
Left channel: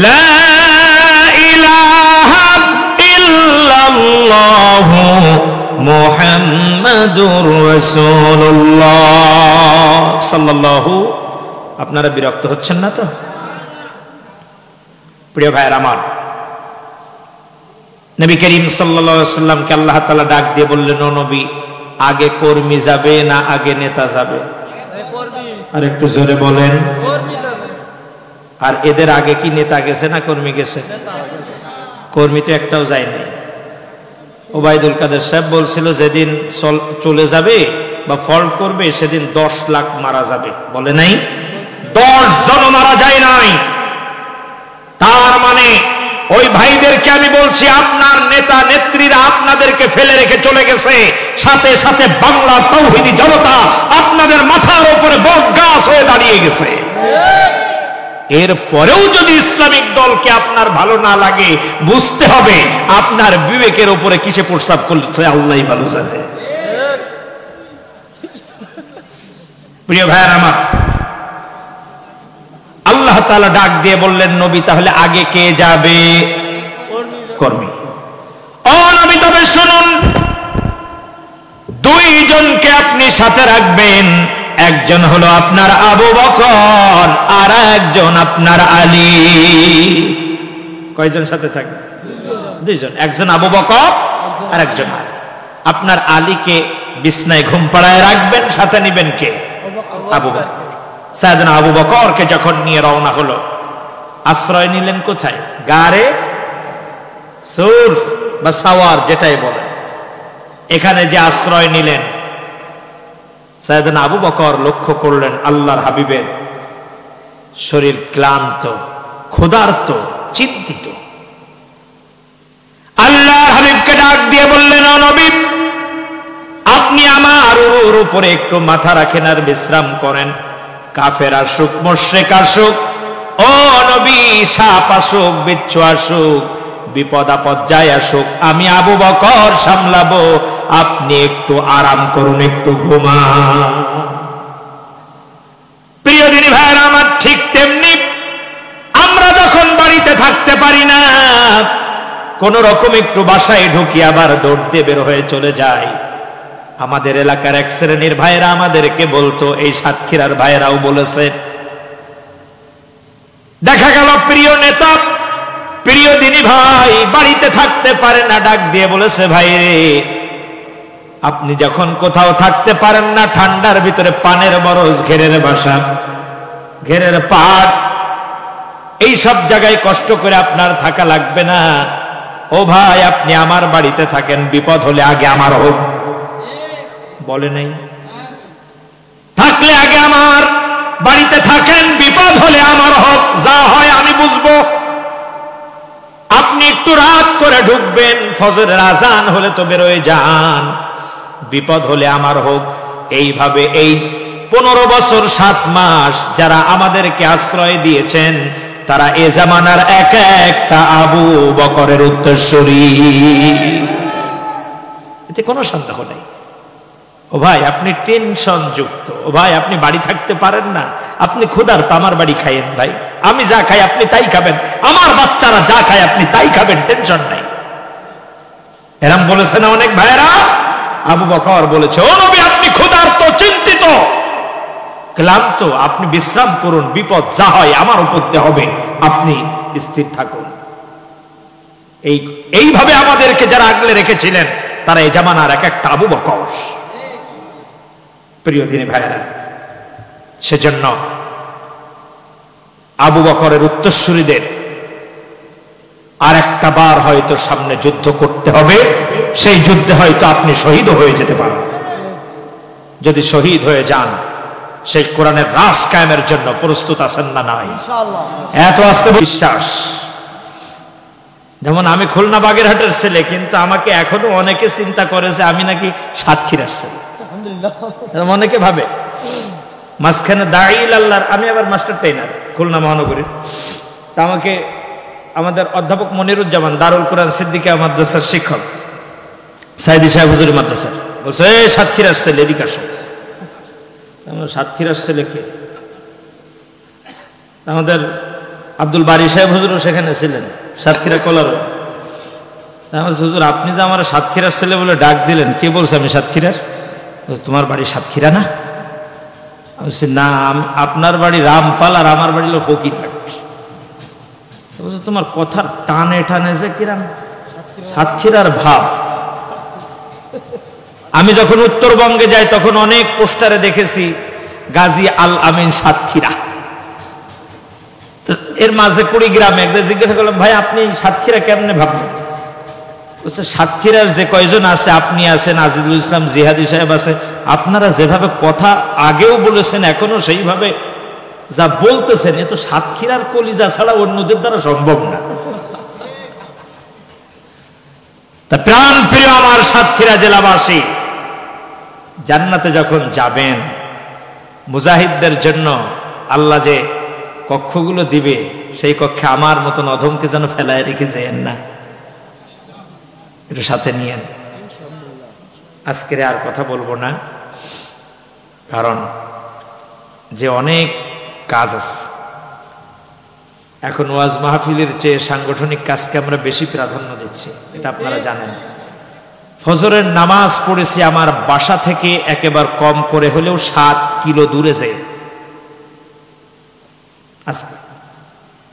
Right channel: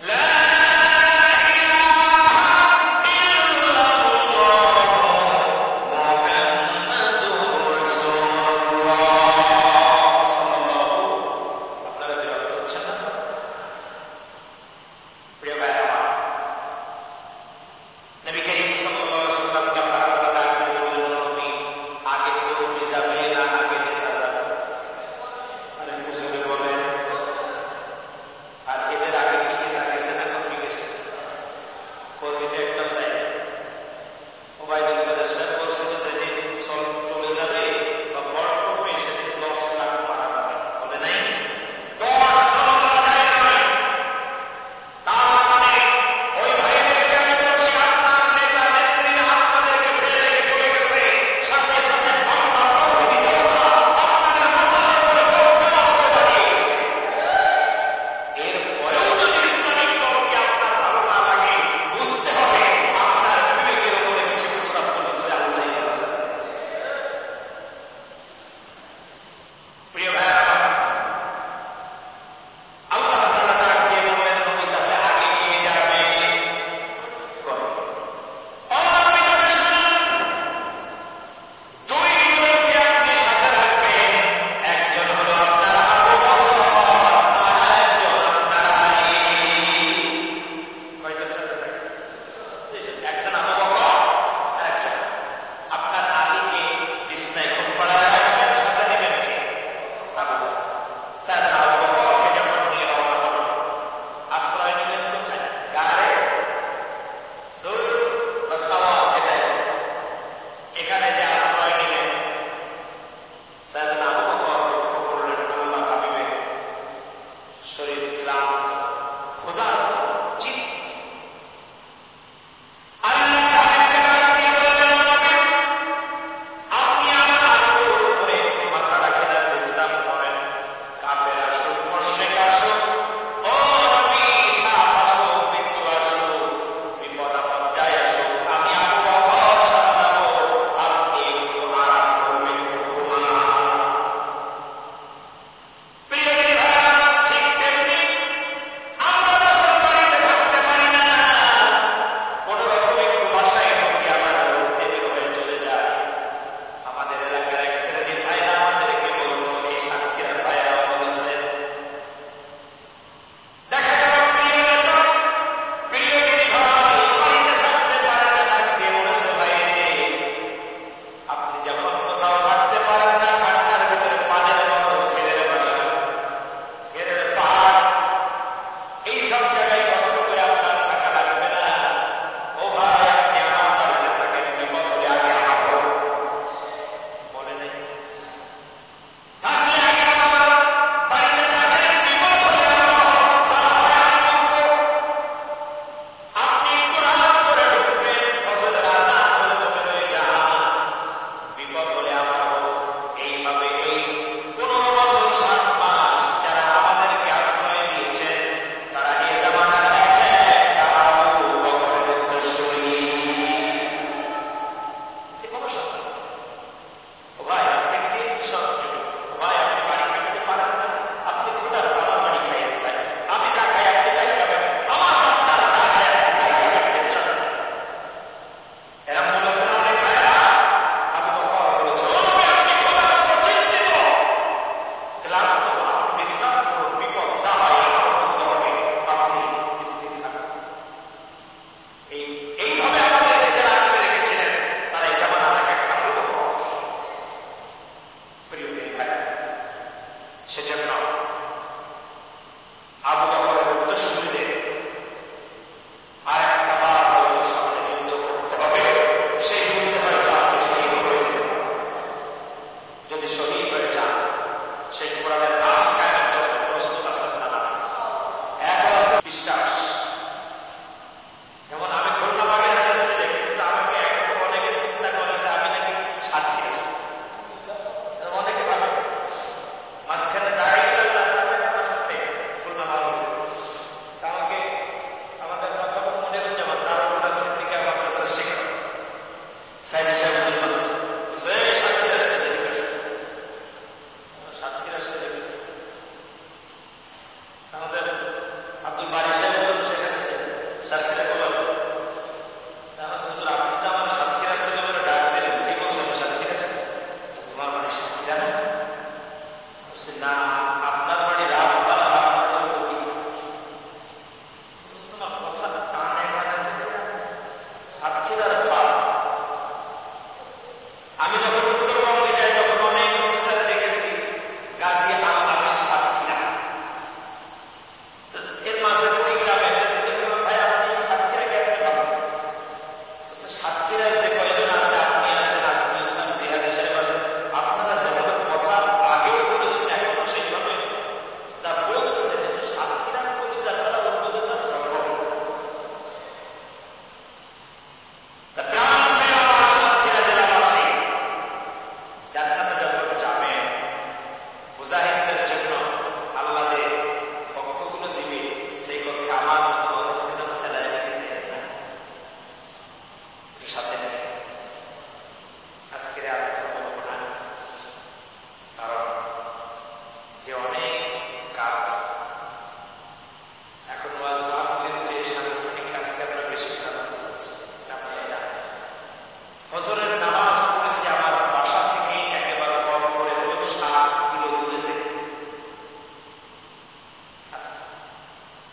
লা ইলাহা ইল্লাল্লাহ মুহাম্মাদুর রাসূলুল্লাহ সাল্লাল্লাহু। আপনারা বিরক্ত হচ্ছেন না তো? প্রিয় ভাইয়ের আমার, নবী করিম সাল্লাল্লাহু আলাইহি ওয়াসাল্লামকে আল্লাহ তাআলা ডাক দিয়ে বললেন, ও নবী, আগে কর্মী যাবে না আগে নেতা যাবে? আর একটু জোরে বলেন। আর এদের আগে কি নেতা গেছে না কর্মী গেছে? কর্মী তো একটাও যায়নি। ওবায়দুল কাদের সাহেব বলছিল যেদিন চলে যাবে বা ফল্ট করবে সেদিন 10 লাখ মারা যাবে, বলে নাই? 10 জন মারা যায় নাই। তার মানে ওই ভাইদেরকে আমি বলছি, আপনার নেতা নেত্রীরা আপনাদেরকে ফেলে রেখে চলে গেছে, সাথে সাথে বাংলা তাওহীদি জনতা আপনাদের মাথার উপরে বট গাছ হয়ে দাঁড়িয়ে গেছে। এরপরেও যদি ইসলামিক দলকে আপনার ভালো না লাগে, বুঝতে হবে আপনার বিবেকের উপরে কিসে প্রস্তাব করছে আল্লাহই ভালো জানে। প্রিয় ভাইয়ের আমার, আল্লাহ তাআলা ডাক দিয়ে বললেন, নবী তাহলে আগে কে যাবে? কর্মী। ও নবী, তবে শুনুন, 2 জনকে আপনি সাথে রাখবেন। একজন হলো আপনার আবু বকর, আর একজন আপনার আলী। কয়জন সাথে থাকবে? 2 জন। একজন আবু বকর আর একজন আলী। আপনার আলীকে বিছনায় ঘুম পাড়ায় রাখবেন, সাথে নিবেন কে? আবু বকর। সাইয়েদনা আবু বকরকে যখন নিয়ে রওনা হলো, আশ্রয় নিলেন কোথায়? গারে সৌর বা সাওয়ার যেটাই বলে, এখানে যে আশ্রয় নিলেন, সাইয়েদনা আবু বকর লক্ষ্য করলেন আল্লাহর হাবিবের শরীর ক্লান্ত, ক্ষুধার্ত, চিন্তিত। আল্লাহর হাবিবকে ডাক দিয়ে বললেন, ও নবী, আপনি আমার উপরে একটু মাথা রাখেন আর বিশ্রাম করেন। কাফের আসুক, মুশরিক আসুক, ও নবী, সাপ আসুক, বিচ্ছু আসুক, বিপদ আপদ যায় আসুক, আমি আবু বকর সামলাবো, আপনি একটু আরাম করুন, একটু ঘুমান। প্রিয় দিনী ভাইরা আমার, ঠিক তেমনি আমরা যখন বাড়িতে থাকতে পারি না, কোন রকম একটু বাসায় ঢুকি আবার দৌড় দিয়ে বের হয়ে চলে যায়। আমাদের এলাকার এক শ্রেণীর ভাইরা আমাদেরকে বলতো, এই সাতক্ষীরার ভাইরাও বলেছে, দেখা গেল প্রিয় নেতা প্রিয় দিনী ভাই বাড়িতে থাকতে পারে না, ডাক দিয়ে বলেছে, ভাই রে আপনি যখন কোথাও থাকতে পারেন না, ঠান্ডার ভিতরে পানের বরজ, ঘেরের বাসা, ঘেরের পাট, এই সব জায়গায় কষ্ট করে আপনার থাকা লাগবে না। ও ভাই আপনি আমার বাড়িতে থাকেন, বিপদ হলে আগে আমার হোক। বলে নাই? থাকলে আগে আমার বাড়িতে থাকেন, বিপদ হলে আমার হোক, যা হয় আমি বুঝবো। আপনি একটু রাত করে ঢুকবেন, ফজরের আজান হলে তো বেরোয় যান, বিপদ হলে আমার হোক। এইভাবে এই 15 বছর 7 মাস যারা আমাদেরকে আশ্রয় দিয়েছেন, তারা এ জামানার এক একটা আবু বকরের উত্তরসূরি, এতে কোনো সন্দেহ নেই। ও ভাই আপনি টেনশন যুক্ত, ও ভাই আপনি বাড়ি থাকতে পারেন না, আপনি ক্ষুধার্ত, আমার বাড়ি খাইয়েন ভাই, আমি যা খাই আপনি তাই খাবেন, আমার বাচ্চারা যা খায় আপনি তাই খাবেন, টেনশন নাই। এরম বলেছে না অনেক ভাইরা? আবু বকর বলেছে, ও নবী আপনি ক্ষুধার্ত, চিন্তিত, ক্লান্ত, আপনি বিশ্রাম করুন, বিপদ যা হয় আমার উপর দিয়ে হবে, আপনি স্থির থাকুন। এইভাবে আমাদেরকে যারা আগলে রেখেছিলেন, তারা এই জামানার এক একটা আবু বকর। প্রিয় দিনী ভাইরা, সেজন্য আবু বকরের উত্তরসূরিদের আর একটা বার হয়তো সামনে যুদ্ধ করতে হবে, সেই যুদ্ধে হয়তো আপনি শহীদ হয়ে যেতে পারেন। যদি শহীদ হয়ে যান, সেই কোরআনের রাজ কায়েমের জন্য প্রস্তুত আছেন না? নাই? এত আস্তে বিশ্বাস। যেমন আমি খুলনা বাগেরহাটের ছেলে, কিন্তু আমাকে এখনো অনেকে চিন্তা করে যে আমি নাকি সাতক্ষীরার ছেলে, অনেকে ভাবে। মাঝখানে দাঁড়িয়ে আল্লাহর, আমি আবার মাস্টার ট্রেনার খুলনা মহানগরীর, তা আমাকে আমাদের অধ্যাপক মনিরুজ্জামান দারুল কোরআন সিদ্দিকা মাদ্রাসার শিক্ষক সাইদি সাহেব হুজুরি মাদ্রাসা বলছে, সাতক্ষীরার ছেলে, এদিকে আসো। সাতক্ষীরার ছেলেকে আমাদের আব্দুল বারী সাহেব হুজুরও সেখানে ছিলেন, সাতক্ষীরা কলার। হুজুর আপনি যে আমার সাতক্ষীরার ছেলে বলে ডাক দিলেন, কে বলছে আমি সাতক্ষীরার? তোমার বাড়ি সাতক্ষীরা না? বলছি না, আপনার বাড়ি রামপাল আর আমার বাড়ি হলো ফকিরহাট। বলছে তোমার কথার টানে টানে যে কিরাম সাতক্ষীরার ভাব। আমি যখন উত্তরবঙ্গে যাই তখন অনেক পোস্টারে দেখেছি গাজী আল আমিন সাতক্ষীরা, এর মাঝে কুড়িগ্রামে একদিন জিজ্ঞাসা করলাম, ভাই আপনি সাতক্ষীরা কেমনে ভাবলেন? বলছে সাতক্ষীরার যে কয়জন আছে, আপনি আছেন, আজিজুল ইসলাম জিহাদি সাহেব আছে, আপনারা যেভাবে কথা আগেও বলেছেন এখনো সেইভাবে যা বলতেছেন, এ তো সাতক্ষীরার কলিজা ছাড়া অন্যদের দ্বারা সম্ভব না। তা প্রাণ প্রিয় আমার সাতক্ষীরা জেলাবাসী, জান্নাতে যখন যাবেন, মুজাহিদদের জন্য আল্লাহ যে কক্ষগুলো দিবে, সেই কক্ষে আমার মতন অধমকে যেন ফেলায় রেখে যায়েন না, একটু সাথে নিয়েন। আজকের আর কথা বলবো না, কারণ যে অনেক কাজ আছে। এখন ওয়াজ মাহফিলের চেয়ে সাংগঠনিক কাজকে আমরা বেশি প্রাধান্য দিচ্ছি, এটা আপনারা জানেন। ফজরের নামাজ পড়েছি আমার বাসা থেকে একেবারে কম করে হলেও 7 কিলো দূরে যায়। আজকে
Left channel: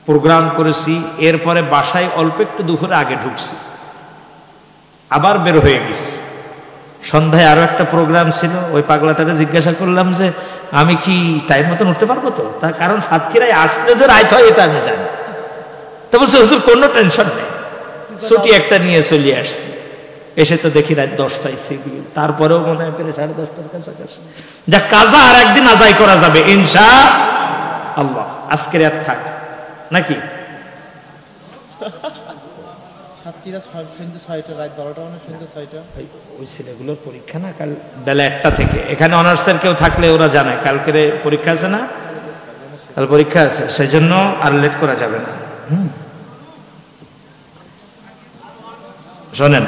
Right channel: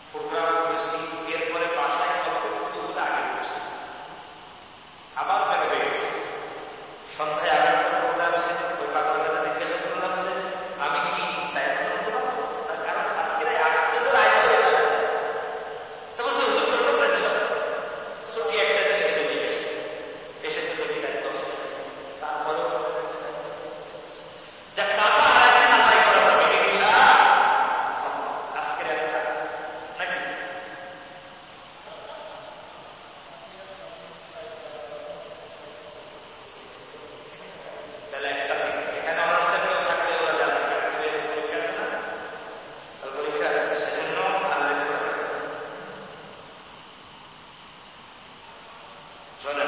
প্রোগ্রাম করেছি, এরপরে বাসায় অল্প একটু দুপুরে আগে ঢুকছি, আবার বের হয়ে গেছি। সন্ধ্যায় আরো একটা প্রোগ্রাম ছিল, ওই পাগলাটাকে জিজ্ঞাসা করলাম যে আমি কি টাইম মতন উঠতে পারবো? তো তার কারণ সাতক্ষীরায় আসলে যে রাত হয় এটা আমি জানি। তো বলছে হুজুর কোনো টেনশন নেই, ছুটি একটা নিয়ে চলে আসছি। এসে তো দেখি রাত 10টায় সিগি, তারপরেও মনে হয় পেরে 10:30টার কাছাকাছি। যা কাজা আর একদিন আদায় করা যাবে ইনশাআল্লাহ। আজকের আর থাক নাকি? ওই ছেলেগুলোর পরীক্ষা না কাল বেলা 1টা থেকে। এখানে অনার্সের কেউ থাকলে ওরা জানে কালকের পরীক্ষা আছে না, কাল পরীক্ষা আছে, সেই জন্য আর লেট করা যাবে না। শোনেন,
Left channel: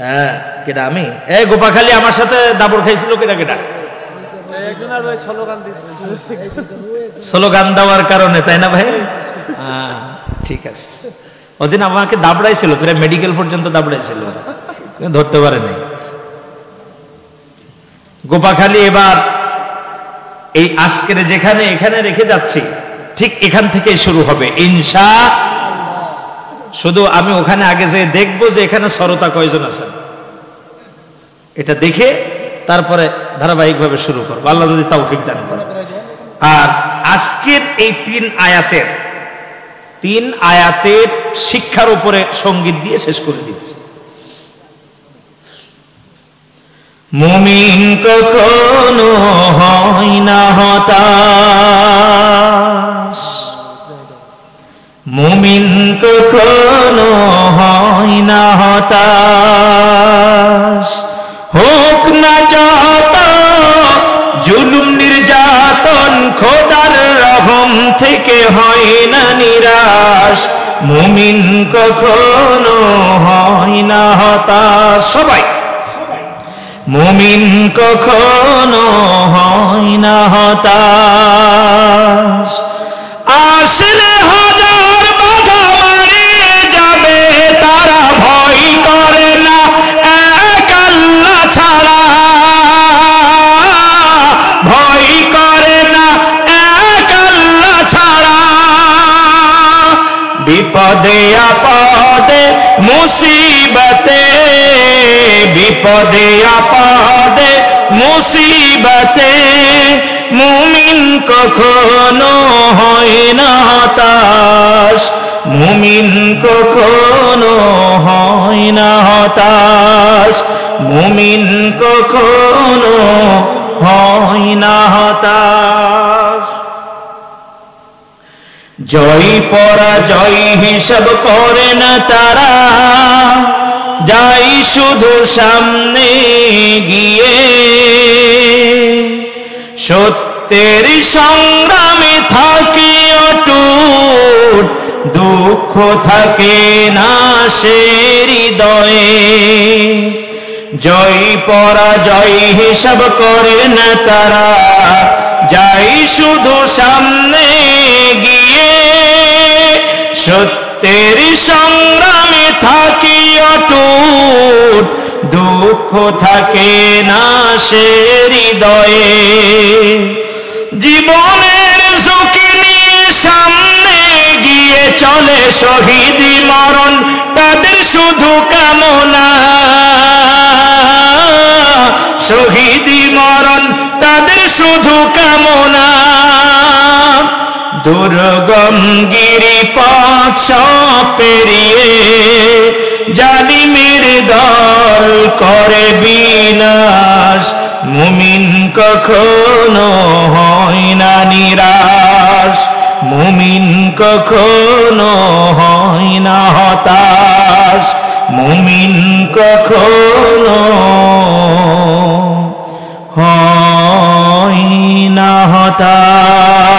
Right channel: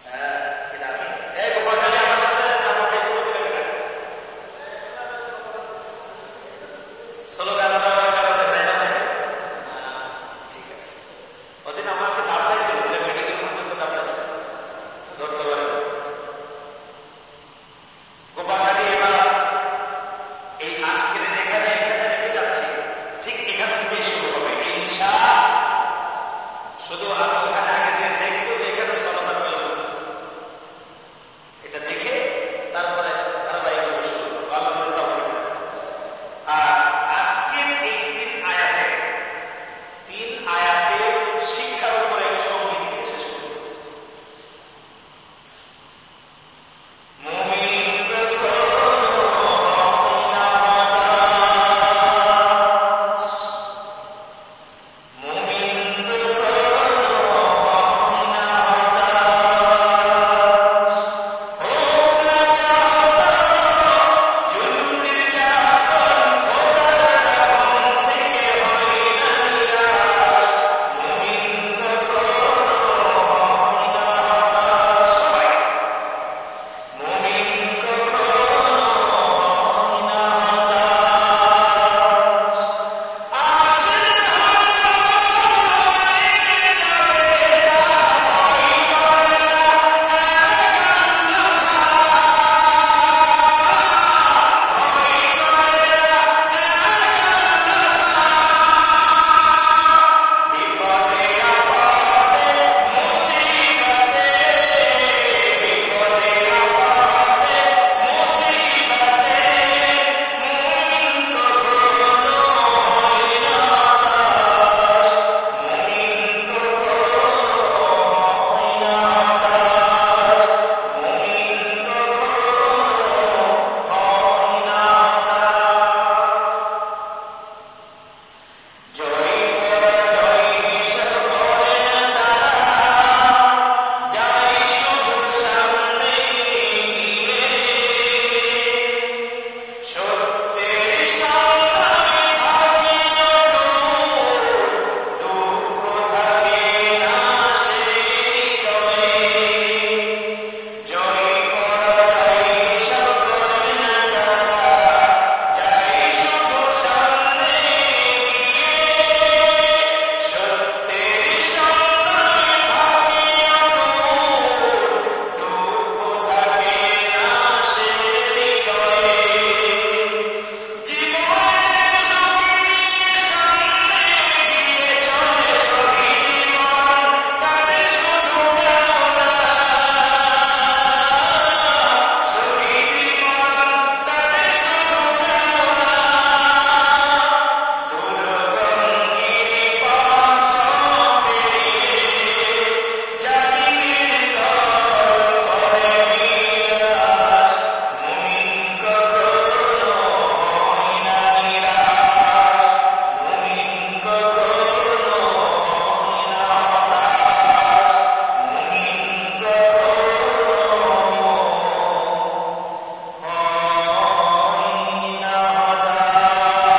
হ্যাঁ কেটা আমি গোপাখালি আমার সাথে দাবর খাইছিল, কেটা কেটা স্লোগান দেওয়ার কারণে, তাই না ভাই? ঠিক আছে। ওদিন আমাকে দাবড়াইছিল, প্রায় মেডিকেল পর্যন্ত দাবড়াইছিল, ধরতে পারেনি। গোপাখালী এবার এই আজকের যেখানে এখানে রেখে যাচ্ছি, ঠিক এখান থেকে শুরু হবে ইনশাআল্লাহ। শুধু আমি ওখানে আগে যে দেখবো যে এখানে শ্রোতা কয়জন আছেন, এটা দেখে তারপরে ধারাবাহিকভাবে শুরু করবো, আল্লাহ যদি তৌফিক দান করে। আর আজকের এই তিন আয়াতের শিক্ষার উপরে সঙ্গীত দিয়ে শেষ করে দিচ্ছি। মুমিন কখনো হয় না হতাশ, মুমিন কখনো হয় না হতাশ, হোক না যত জুলুম নির্যাতন, খোদার রহম থেকে হয় না নিরাশ, মুমিন কখনো হয় না হতাশ। সবাই মুমিন কখনো হয় না হতাশ, আসলে হাজার বাধা মারিয়ে যাবে তারা, ভয় করে না এক আল্লাহ ছাড়া, ভয় করে না এক আল্লাহ ছাড়া, বিপদে আপদে মুসিবতে, বিপদে আপদে মুসিবতে, মুমিন কখনো হয় না হতাশ, মুমিন কখনো হয় না হতাশ, মুমিন কখনো হয় না হতাশ। জয় পরাজয় হিসাব করে না তারা, যাই শুধু সামনে গিয়ে, সত্যের সংগ্রামে থাকে অটুট, দুঃখ থাকে না সে হৃদয়ে, জয় পরাজয় হিসাব করে না তারা, যাই শুধু সামনে গিয়ে, সত্যের সংগ্রামে থাকি অটুট, দুঃখ থাকে না সে হৃদয়ে, জীবনের ঝুঁকি নিয়ে সামনে গিয়ে চলে শহীদি মরণ, তাদের শুধু কামনা, শহীদি মরণ তাদের শুধু কামনা, দুর্গম গিরি পথ সব পেরিয়ে, জালিমের দল করে বিনাশ, মুমিন কখনো হয় না নিরাশ, মুমিন কখনো হয় না হতাশ, মুমিন কখনো হয় না হতাশ।